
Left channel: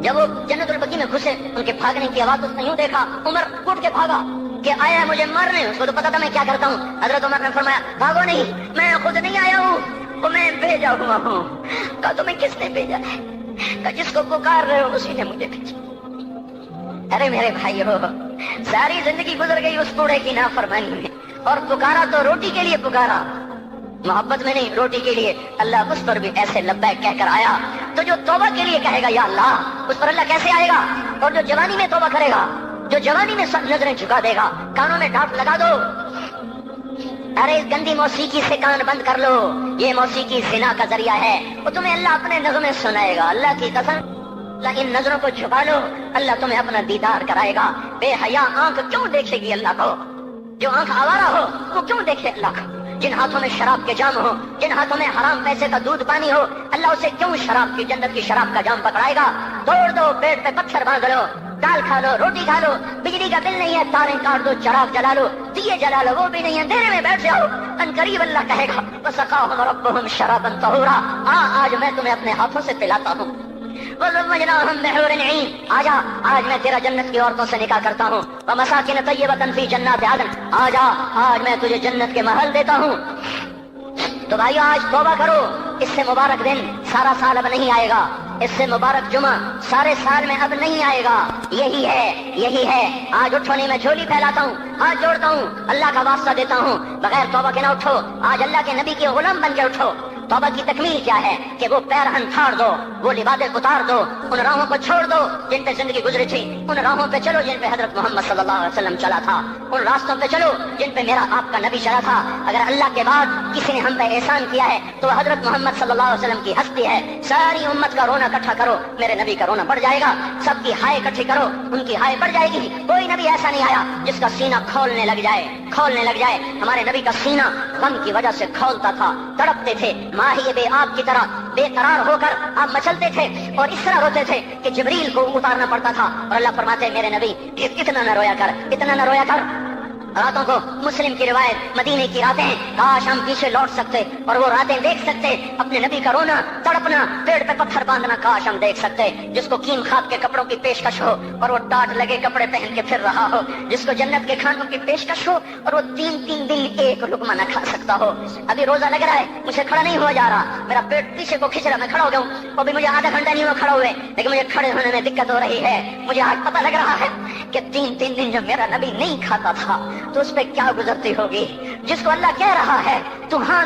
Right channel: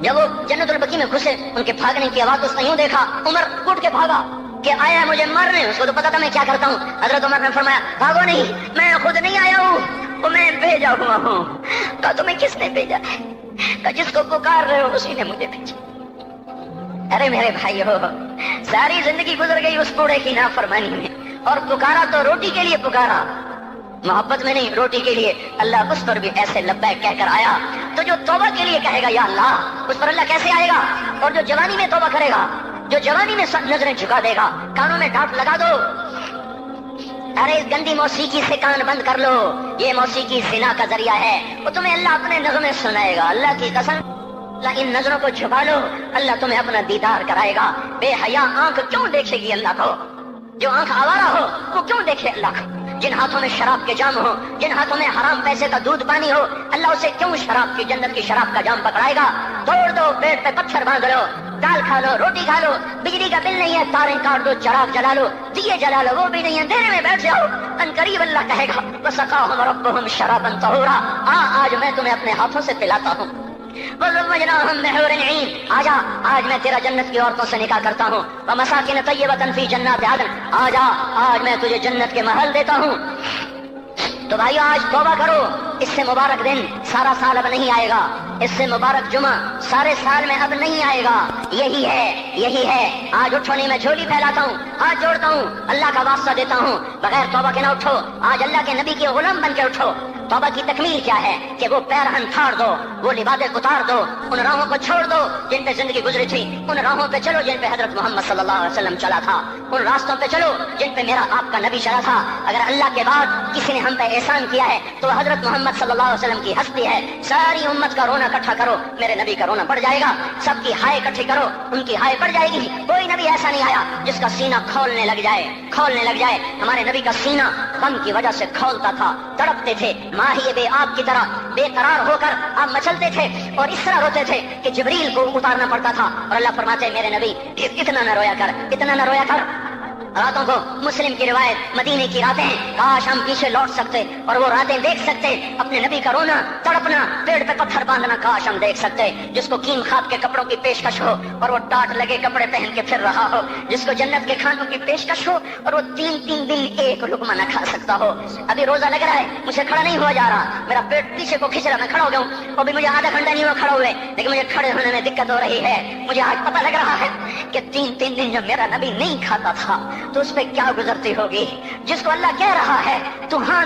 جب وہ جنت البقیع میں گھسے ان کے بھاگنے کی آواز اس نے یوں دیکھا، عمر اٹھ کے بھاگا کہ آیا ہے مجھے مارنے، اس کو تو پتا تھا میں کیا کرتا ہوں۔ حضرت عمر نے فرمایا بھاگو نہیں، میں خود نہیں آیا ہوں، وہ میں بھیجا ہوا ہوں۔ کہا تمہیں کس نے بھیجا ہے؟ کہا جس کو پکار رہے ہو اسی نے مجھے بھیجا۔ ارے میرے بھائی ہو، ساری زندگی گزر گئی اس بوڑھے کی نافرمانی میں، اور پکارا تو روٹی کے لیے پکارا، محبت میں نہیں، روٹی کے لیے۔ اللہ اس پر بھی ایسے لبیک کہہ کر آیا، تو جو توبہ کے لیے کہے گا یا اللہ، اس پر اللہ کیسے آئے گا؟ اور جو جوانی میں توبہ کرے گا، جو جوانی میں سب نظریں جھکا دے گا، کانوں میں ڈانٹ لگا دو، ارے اس گندی موسیقی سے کان بند کر لو، یہ موسیقی زنا کا ذریعہ ہے، وہ تمہیں اللہ اپنے نغمے سنائے گا، اللہ کی قسم، اللہ ان نظروں کو چھپا لو، اللہ تمہیں اپنا دیدار کرائے گا۔ بے حیا آنکھ کیوں دیکھے گی اللہ کو؟ جو آنکھ آوارہ ہو وہ کیوں دیکھے اللہ کو؟ جن ہاتھوں میں شراب کے جام ہو، جن ہاتھوں میں حرام پیسے کا دودھ پانی ہو، اللہ اسے کیوں شراب کی، جنت کی شراب کا جام پکڑائے گا؟ توڑ دو، پیٹ پہ پتھر باندھ لو، دال کھا لو، روٹی کھا لو، بجلی کا بل نہیں ہے تاریں کاٹ دو، چراغ جلا لو، دیے جلا لو، وہ بھی نہیں ہے، اندھیرے میں بیٹھ جاؤ، ان قریب اللہ کہے گا وَسَقَاهُمْ رَبُّهُمْ شَرَابًا طَهُورًا، آج میں تمہیں اپنے ہاتھوں سے پلاتا ہوں۔ وَزَوَّجْنَاهُمْ بِحُورٍ عِينٍ، آج میں تیرا جنت کی عورتوں سے نکاح کرتا ہوں۔ وَمَسَاكِنَ طَيِّبَةً فِي جَنَّاتِ عَدْنٍ، آج میں تجھے جنت کے محل دیتا ہوں۔ تو بھائیو آج توبہ کرو، اس سے مبارک دن سارا سال اب نہیں آئے گا، اس سے مبارک جمعہ سارے سال میں اب نہیں آئے گا، یہی ہے۔ آج اٹھو نہیں، میں جھولی پھیلاتا ہوں، ہاتھ جوڑتا ہوں، اللہ کا واسطہ دیتا ہوں، بغیر توبہ کے نہ اٹھو، آج اللہ کے نبی کے غلام بن کے اٹھو۔ توبہ کی تکمیل کیا ہے کہ وہ پیرہن پھاڑ دو، وہ لبادیں اتار دو، ان راہوں کو چھوڑ دو جن پہ زندگی گزری تھی، ان راہوں پہ چلو جن پہ حضرت محمد صلی اللہ علیہ وسلم چلا تھا۔ ان راستوں پہ چلو جن پہ میرا آپ کا نبی چلا تھا. اگر اللہ کے بعد کسی نے ہم پہ احسان کیا ہے تو حضرت محمد صلی اللہ علیہ وسلم کی ہستی ہے. ساری امت کا رونا اکٹھا کرو, میرے نبی کا رونا بڑھ جائے گا. سب کی ہائے اکٹھی کرو, ان کی ہائے بڑھ جائے گی. کوئی نبی ایسا نہیں آیا جس کا سینہ کھولنے لگ جائے. ہمارے نبی کا سینہ غم کی وجہ سے کھولتا تھا, تڑپتے تھے ماہی بے آب کی طرح بے قرار ہو کر آپ مچلتے تھے اور اس طرح روتے تھے کہ جبریل کو اتارنا پڑتا تھا. اور اللہ فرماتے میرے نبی اتنا نہ رویا کر. راتوں کو مسلم کی روایت مدینے کی راتیں, کاش ہم پیچھے لوٹ سکتے اور وہ راتیں دیکھ سکتے. اپنے نبی کا رونا تڑپنا, پیڑ پہ پتھر باندھنا, کاش ہم دیکھ سکتے. جس کو کیم خاک کے کپڑوں کی پیشکش ہو اور وہ ٹاٹ لگے کپڑے پہن کے پھر رہا ہو. جس کو جنت کے کھانوں کی پیشکش ہو اور وہ 3 دن ایک لقمہ نہ کھا سکتا ہو. ابھی روزہ لگ رہا ہے, مجھے کھڑا نہیں ہوا جا رہا, میرا پیٹ پیچھے کو کھینچ رہا, میں کھڑا ہو جاؤں. ابھی مجھے آدھا گھنٹہ نہیں ہوا کھڑا ہوئے, لیکن مجھے کھڑے ہونے میں دقت ہو رہی ہے. مجھے آج پتہ لگ رہا ہے کہ 3 دن جو میرا نبی نہیں کھاتا تھا تو اس پہ کیا گزرتی ہوگی. جس کو اللہ کہہ رہا ہے تو ہاں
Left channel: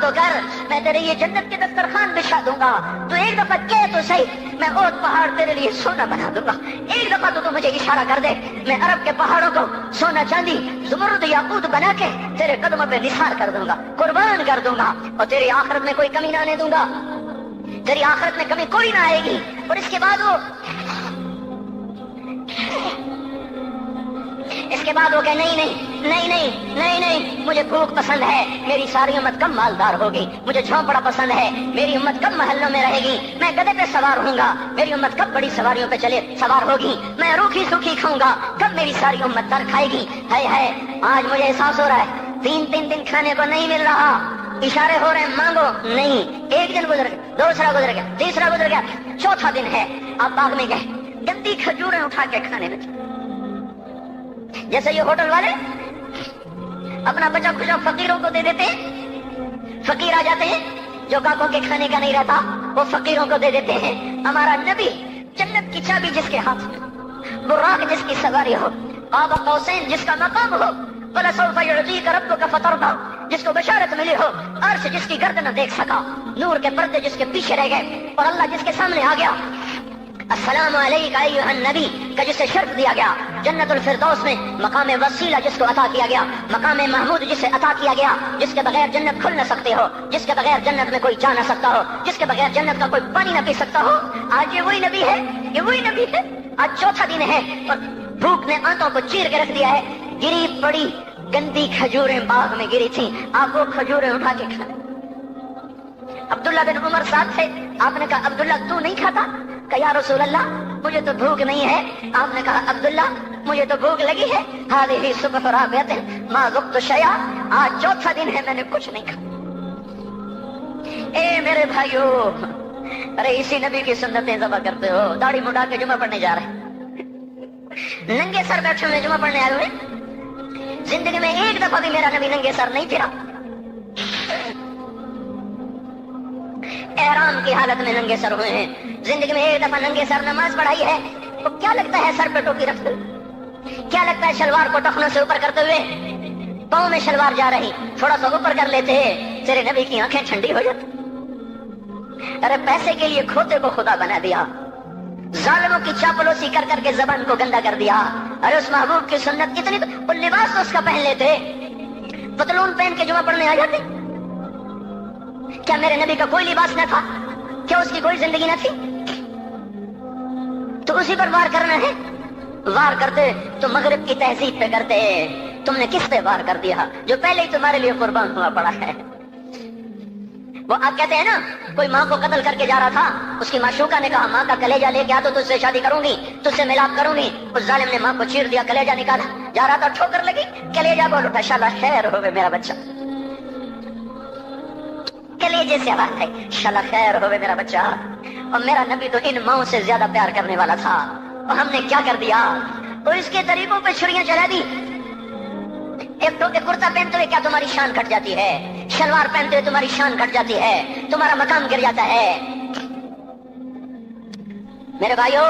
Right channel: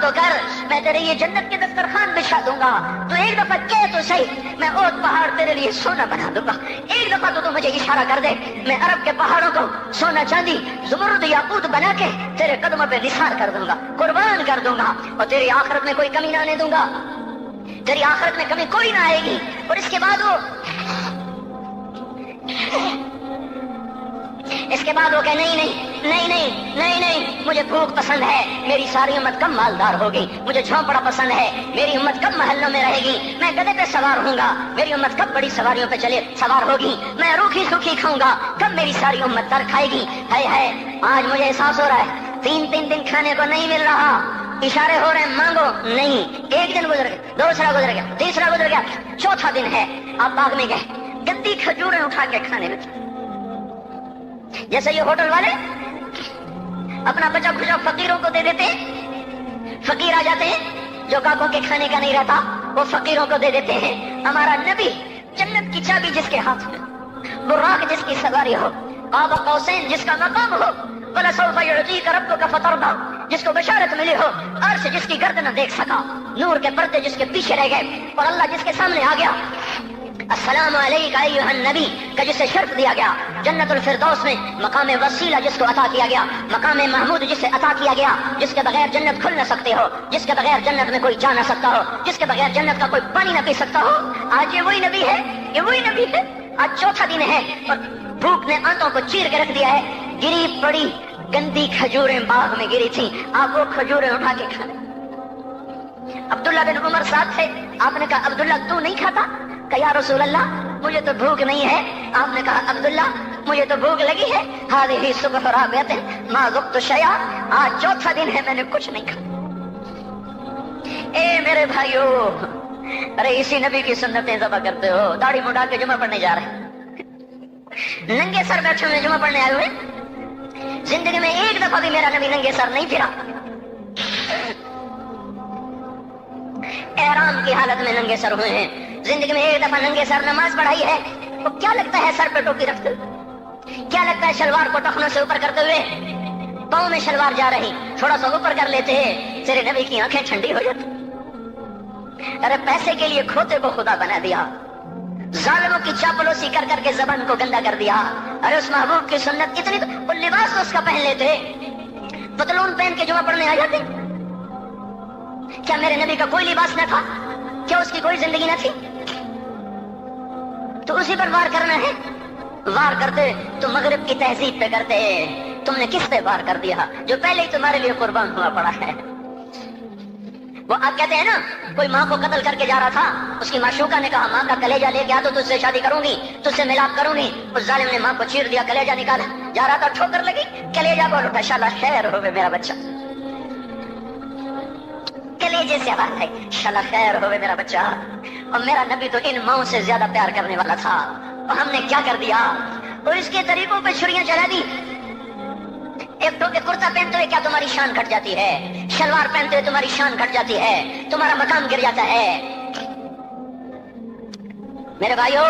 تو کر, میں تیرے یہ جنت کے دسترخوان بچھا دوں گا, تو ایک دفعہ کہہ تو صحیح, میں اور پہاڑ تیرے لیے سونا بنا دوں گا. ایک دفعہ تو مجھے اشارہ کر دے, میں عرب کے پہاڑوں کو سونا چاندی زمرد یاقوت بنا کے تیرے قدموں پہ نثار کر دوں گا, قربان کر دوں گا, اور تیری آخرت میں کوئی کمی نہ آنے دوں گا. تیری آخرت میں کمی کوئی نہ آئے گی. اور اس کے بعد وہ کہ نہیں, مجھے بھوک پسند ہے, میری ساری امت کم مالدار ہوگی. مجھے جھونپڑا پسند ہے, میری امت کم محلوں میں رہے گی. میں گدھے پہ سوار ہوں گا, میری امت کب بڑی سواریوں پہ سوار ہوگی. میں روکھی سوکھی کھاؤں گا, کب میری ساری امت تر کھائے گی. ہے آج مجھے احساس ہو رہا ہے 3 دن کھانے کو نہیں مل رہا. اشارے ہو رہے ہیں مانگو نہیں. ایک دن گزر گیا, دوسرا گزر گیا, تیسرا گزر گیا, چوتھا دن ہے, آپ باغ میں گئے, گندی کھجوریں اٹھا کے کھانے لگے. جیسے یہ ہوٹل والے اپنا بچا کچا فقیروں کو دے دیتے, فقیر آ جاتے ہیں, جو کاکوں کے کھانے کا نہیں رہتا وہ فقیروں کو دے دیتے ہیں. ہمارا نبی جنت کی چابی جس کے ہاتھ میں, براق جس کی سواری ہو, قاب قوسین جس کا مقام ہو, وَلَسَوْفَ يُعْطِيكَ رَبُّكَ فَتَرْضَىٰ جس کو بشارت ملی ہو, عرش جس کی گردن نہ دیکھ سکا, نور کے پردے جس کے پیچھے رہ گئے, اور اللہ جس کے سامنے آ گیا. السلام علیکہ ایھا النبی کا جسے شرف دیا گیا. جنت الفردوس میں مقام وسیلہ جس کو عطا کیا گیا, مقام محمود جسے عطا کیا گیا, جس کے بغیر جنت کھل نہ سکتے ہو, جس کے بغیر جنت میں کوئی جا نہ سکتا ہو, جس کے بغیر جنت کا کوئی پانی نہ پی سکتا ہو. آج یہ وہی نبی ہے, آج چوتھا دن ہے اور بھوک نے آنتوں کو چیر کے رکھ دیا ہے. گری پڑی گندی کھجوریں باغ میں گری تھی, آپ وہ کھجوریں اٹھا کے کھا. عبداللہ بن عمر ساتھ تھے, آپ نے کہا عبداللہ تو نہیں کھاتا؟ کہ یا رسول اللہ مجھے تو بھوک نہیں ہے. آپ نے کہا عبداللہ مجھے تو بھوک لگی ہے. ہذہ صبح رابعۃ ما ذقت شیئا, آج چوتھا دن ہے میں نے کچھ نہیں کھایا. اے میرے بھائیو, ارے اسی نبی کی سنتیں ذبح کرتے ہو. داڑھی مڈا کے جمعہ پڑھنے جا رہے ہیں, ننگے سر بیٹھے ہوئے جمعہ پڑھنے آئے ہوئے. زندگی میں ایک دفعہ بھی میرا نبی ننگے سر نہیں پھرا. احرام کی حالت میں ننگے سر ہوئے ہیں. زندگی میں ایک دفعہ ننگے سر نماز پڑھائی ہے. تو کیا لگتا ہے سر پہ ٹوپی رکھتے ہوئے, کیا لگتا ہے شلوار کو ٹخنوں سے اوپر کرتے ہوئے, پاؤں میں شلوار جا رہی, تھوڑا سا اوپر کر لیتے ہیں, تیرے نبی کی آنکھیں ٹھنڈی ہو جاتی. ارے پیسے کے لیے کھوتے کو خدا بنا دیا, ظالموں کی چاپلوسی کر کر کے زبان کو گندا کر دیا. ارے اس محبوب کی سنت اتنی, وہ لباس تو اس کا پہن لیتے, پتلون پہن کے جمعہ پڑھنے آ جاتے. کیا میرے نبی کا کوئی لباس نہ تھا؟ کیا اس کی کوئی زندگی نہ تھی؟ تو اسی پر وار کرنا ہے. وار کرتے تو مغرب کی تہذیب پہ کرتے. تم نے کس پہ وار کر دیا جو پہلے ہی تمہارے لیے قربان ہوا پڑا ہے؟ وہ آپ کہتے ہیں نا, کوئی ماں کو قتل کر کے جا رہا تھا, اس کی معشوقہ نے کہا ماں کا کلیجہ لے کے آ تو تجھ سے شادی کروں گی, تجھ سے ملاپ کروں گی. اس ظالم نے ماں کو چیر دیا, کلیجہ نکالا, جا رہا تھا ٹھوکر لگی, کلیجہ بول اٹھا, شالا خیر ہوگا میرا بچہ. کلیجے سے آواز ہے, شالا خیر ہوگا میرا بچہ. اور میرا نبی تو ان ماؤں سے زیادہ پیار کرنے والا تھا, اور ہم نے کیا کر دیا, تو اس کے طریقوں پہ چھریاں چلا دی. ایک کرتا پہنتے ہوئے کیا تمہاری شان کٹ جاتی ہے, شلوار پہنتے ہوئے تمہاری شان کٹ جاتی ہے, تمہارا مقام گر جاتا ہے. میرے بھائیو,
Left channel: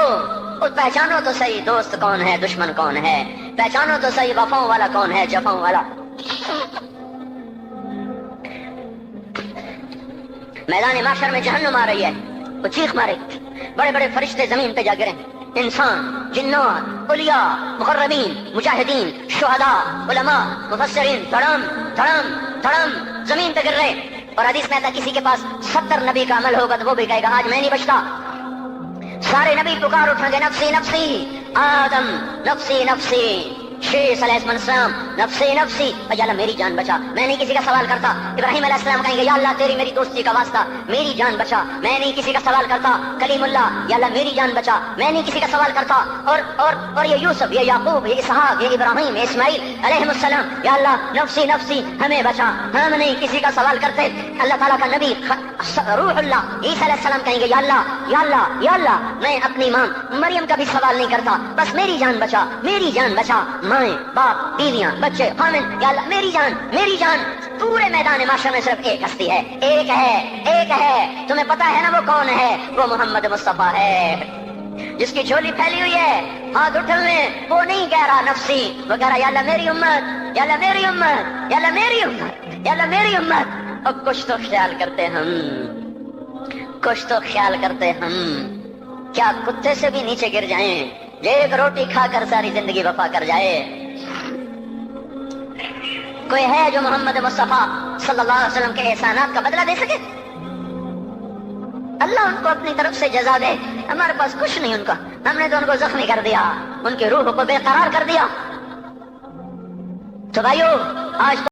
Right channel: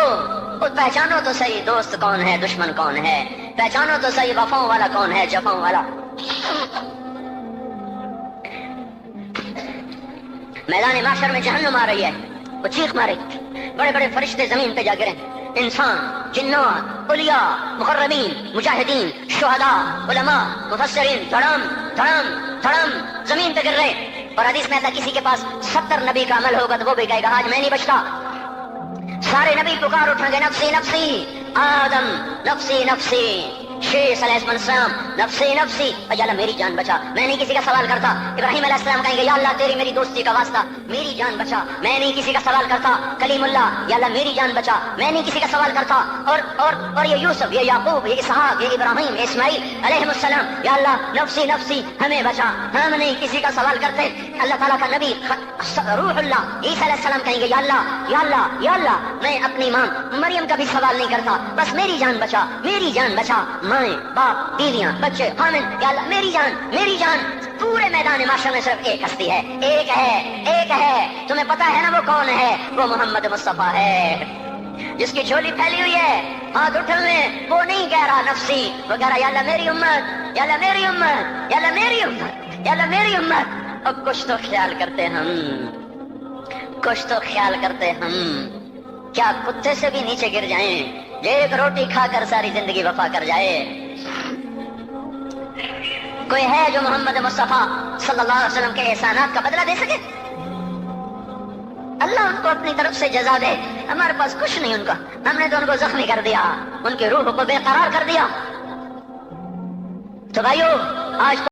پہچانو تو صحیح دوست کون ہے, دشمن کون ہے. پہچانو تو صحیح وفاؤں والا کون ہے, جفاؤں والا. میدان محشر میں جہنم آ رہی ہے, وہ چیخ مارے, بڑے بڑے فرشتے زمین پہ جا گرے, انسان، جنوں، اولیاء، مقربین، مجاہدین، شہداء، علماء، مفسرین دھڑام دھڑام دھڑام زمین پہ گر رہے. اور حدیث میں آتا کسی کے پاس 70 نبی کا عمل ہوگا تو وہ بھی کہے گا آج میں نہیں بچتا. سارے نبی پکار اٹھیں گے نفسی نفسی. آدم نفسی نفسی، شیش علیہ السلام نفسی نفسی. یا اللہ میری جان بچا، میں نہیں کسی کا سوال کرتا. ابراہیم علیہ السلام کہیں گے یا اللہ تیری میری دوستی کا واسطہ میری جان بچا، میں نہیں کسی کا سوال کرتا. کلیم اللہ یا اللہ میری جان بچا، میں نہیں کسی کا سوال کرتا. اور یہ یوسف، یہ یعقوب، یہ اسحاق، یہ ابراہیم، یہ اسماعیل علیہ السلام یا اللہ نفسی نفسی ہمیں بچا، ہم نہیں کسی کا سوال کرتے. اللہ تعالیٰ کا نبی روح اللہ عیسیٰ علیہ السلام کہیں گے یا اللہ یا اللہ یا اللہ میں اپنی ماں مریم کا بھی سوال نہیں کرتا، بس میری جان بچا، میری جان بچا. مائیں، باپ، بیویاں، بچے، خامن، یا اللہ میری جان میری جان. پورے میدان معاشرے میں صرف ایک ہستی ہے، ایک ہے ایک ہے. تمہیں پتا ہے نا وہ کون ہے؟ وہ محمد مصطفیٰ ہے، جس کی جھولی پھیلی ہوئی ہے ہاتھ اٹھنے. وہ نہیں کہہ رہا نفسی، وہ کہہ رہا یا اللہ میری امت، یا اللہ میری امت، یا اللہ میری امت، یا اللہ میری امت. اور کچھ تو خیال کرتے ہم، کچھ تو خیال کرتے ہم. کیا کتے سے بھی نیچے گر جائیں، ایک روٹی کھا کر ساری زندگی وفا کر جائے. کوئی ہے جو محمد مصطفیٰ صلی اللہ علیہ وسلم کے احسانات کا بدلہ دے سکے؟ اللہ ان کو اپنی طرف سے جزا دے. ہمارے پاس کچھ نہیں ان کا، ہم نے تو ان کو زخمی کر دیا، ان کی روح کو بے قرار کر دیا. تو بھائیو آج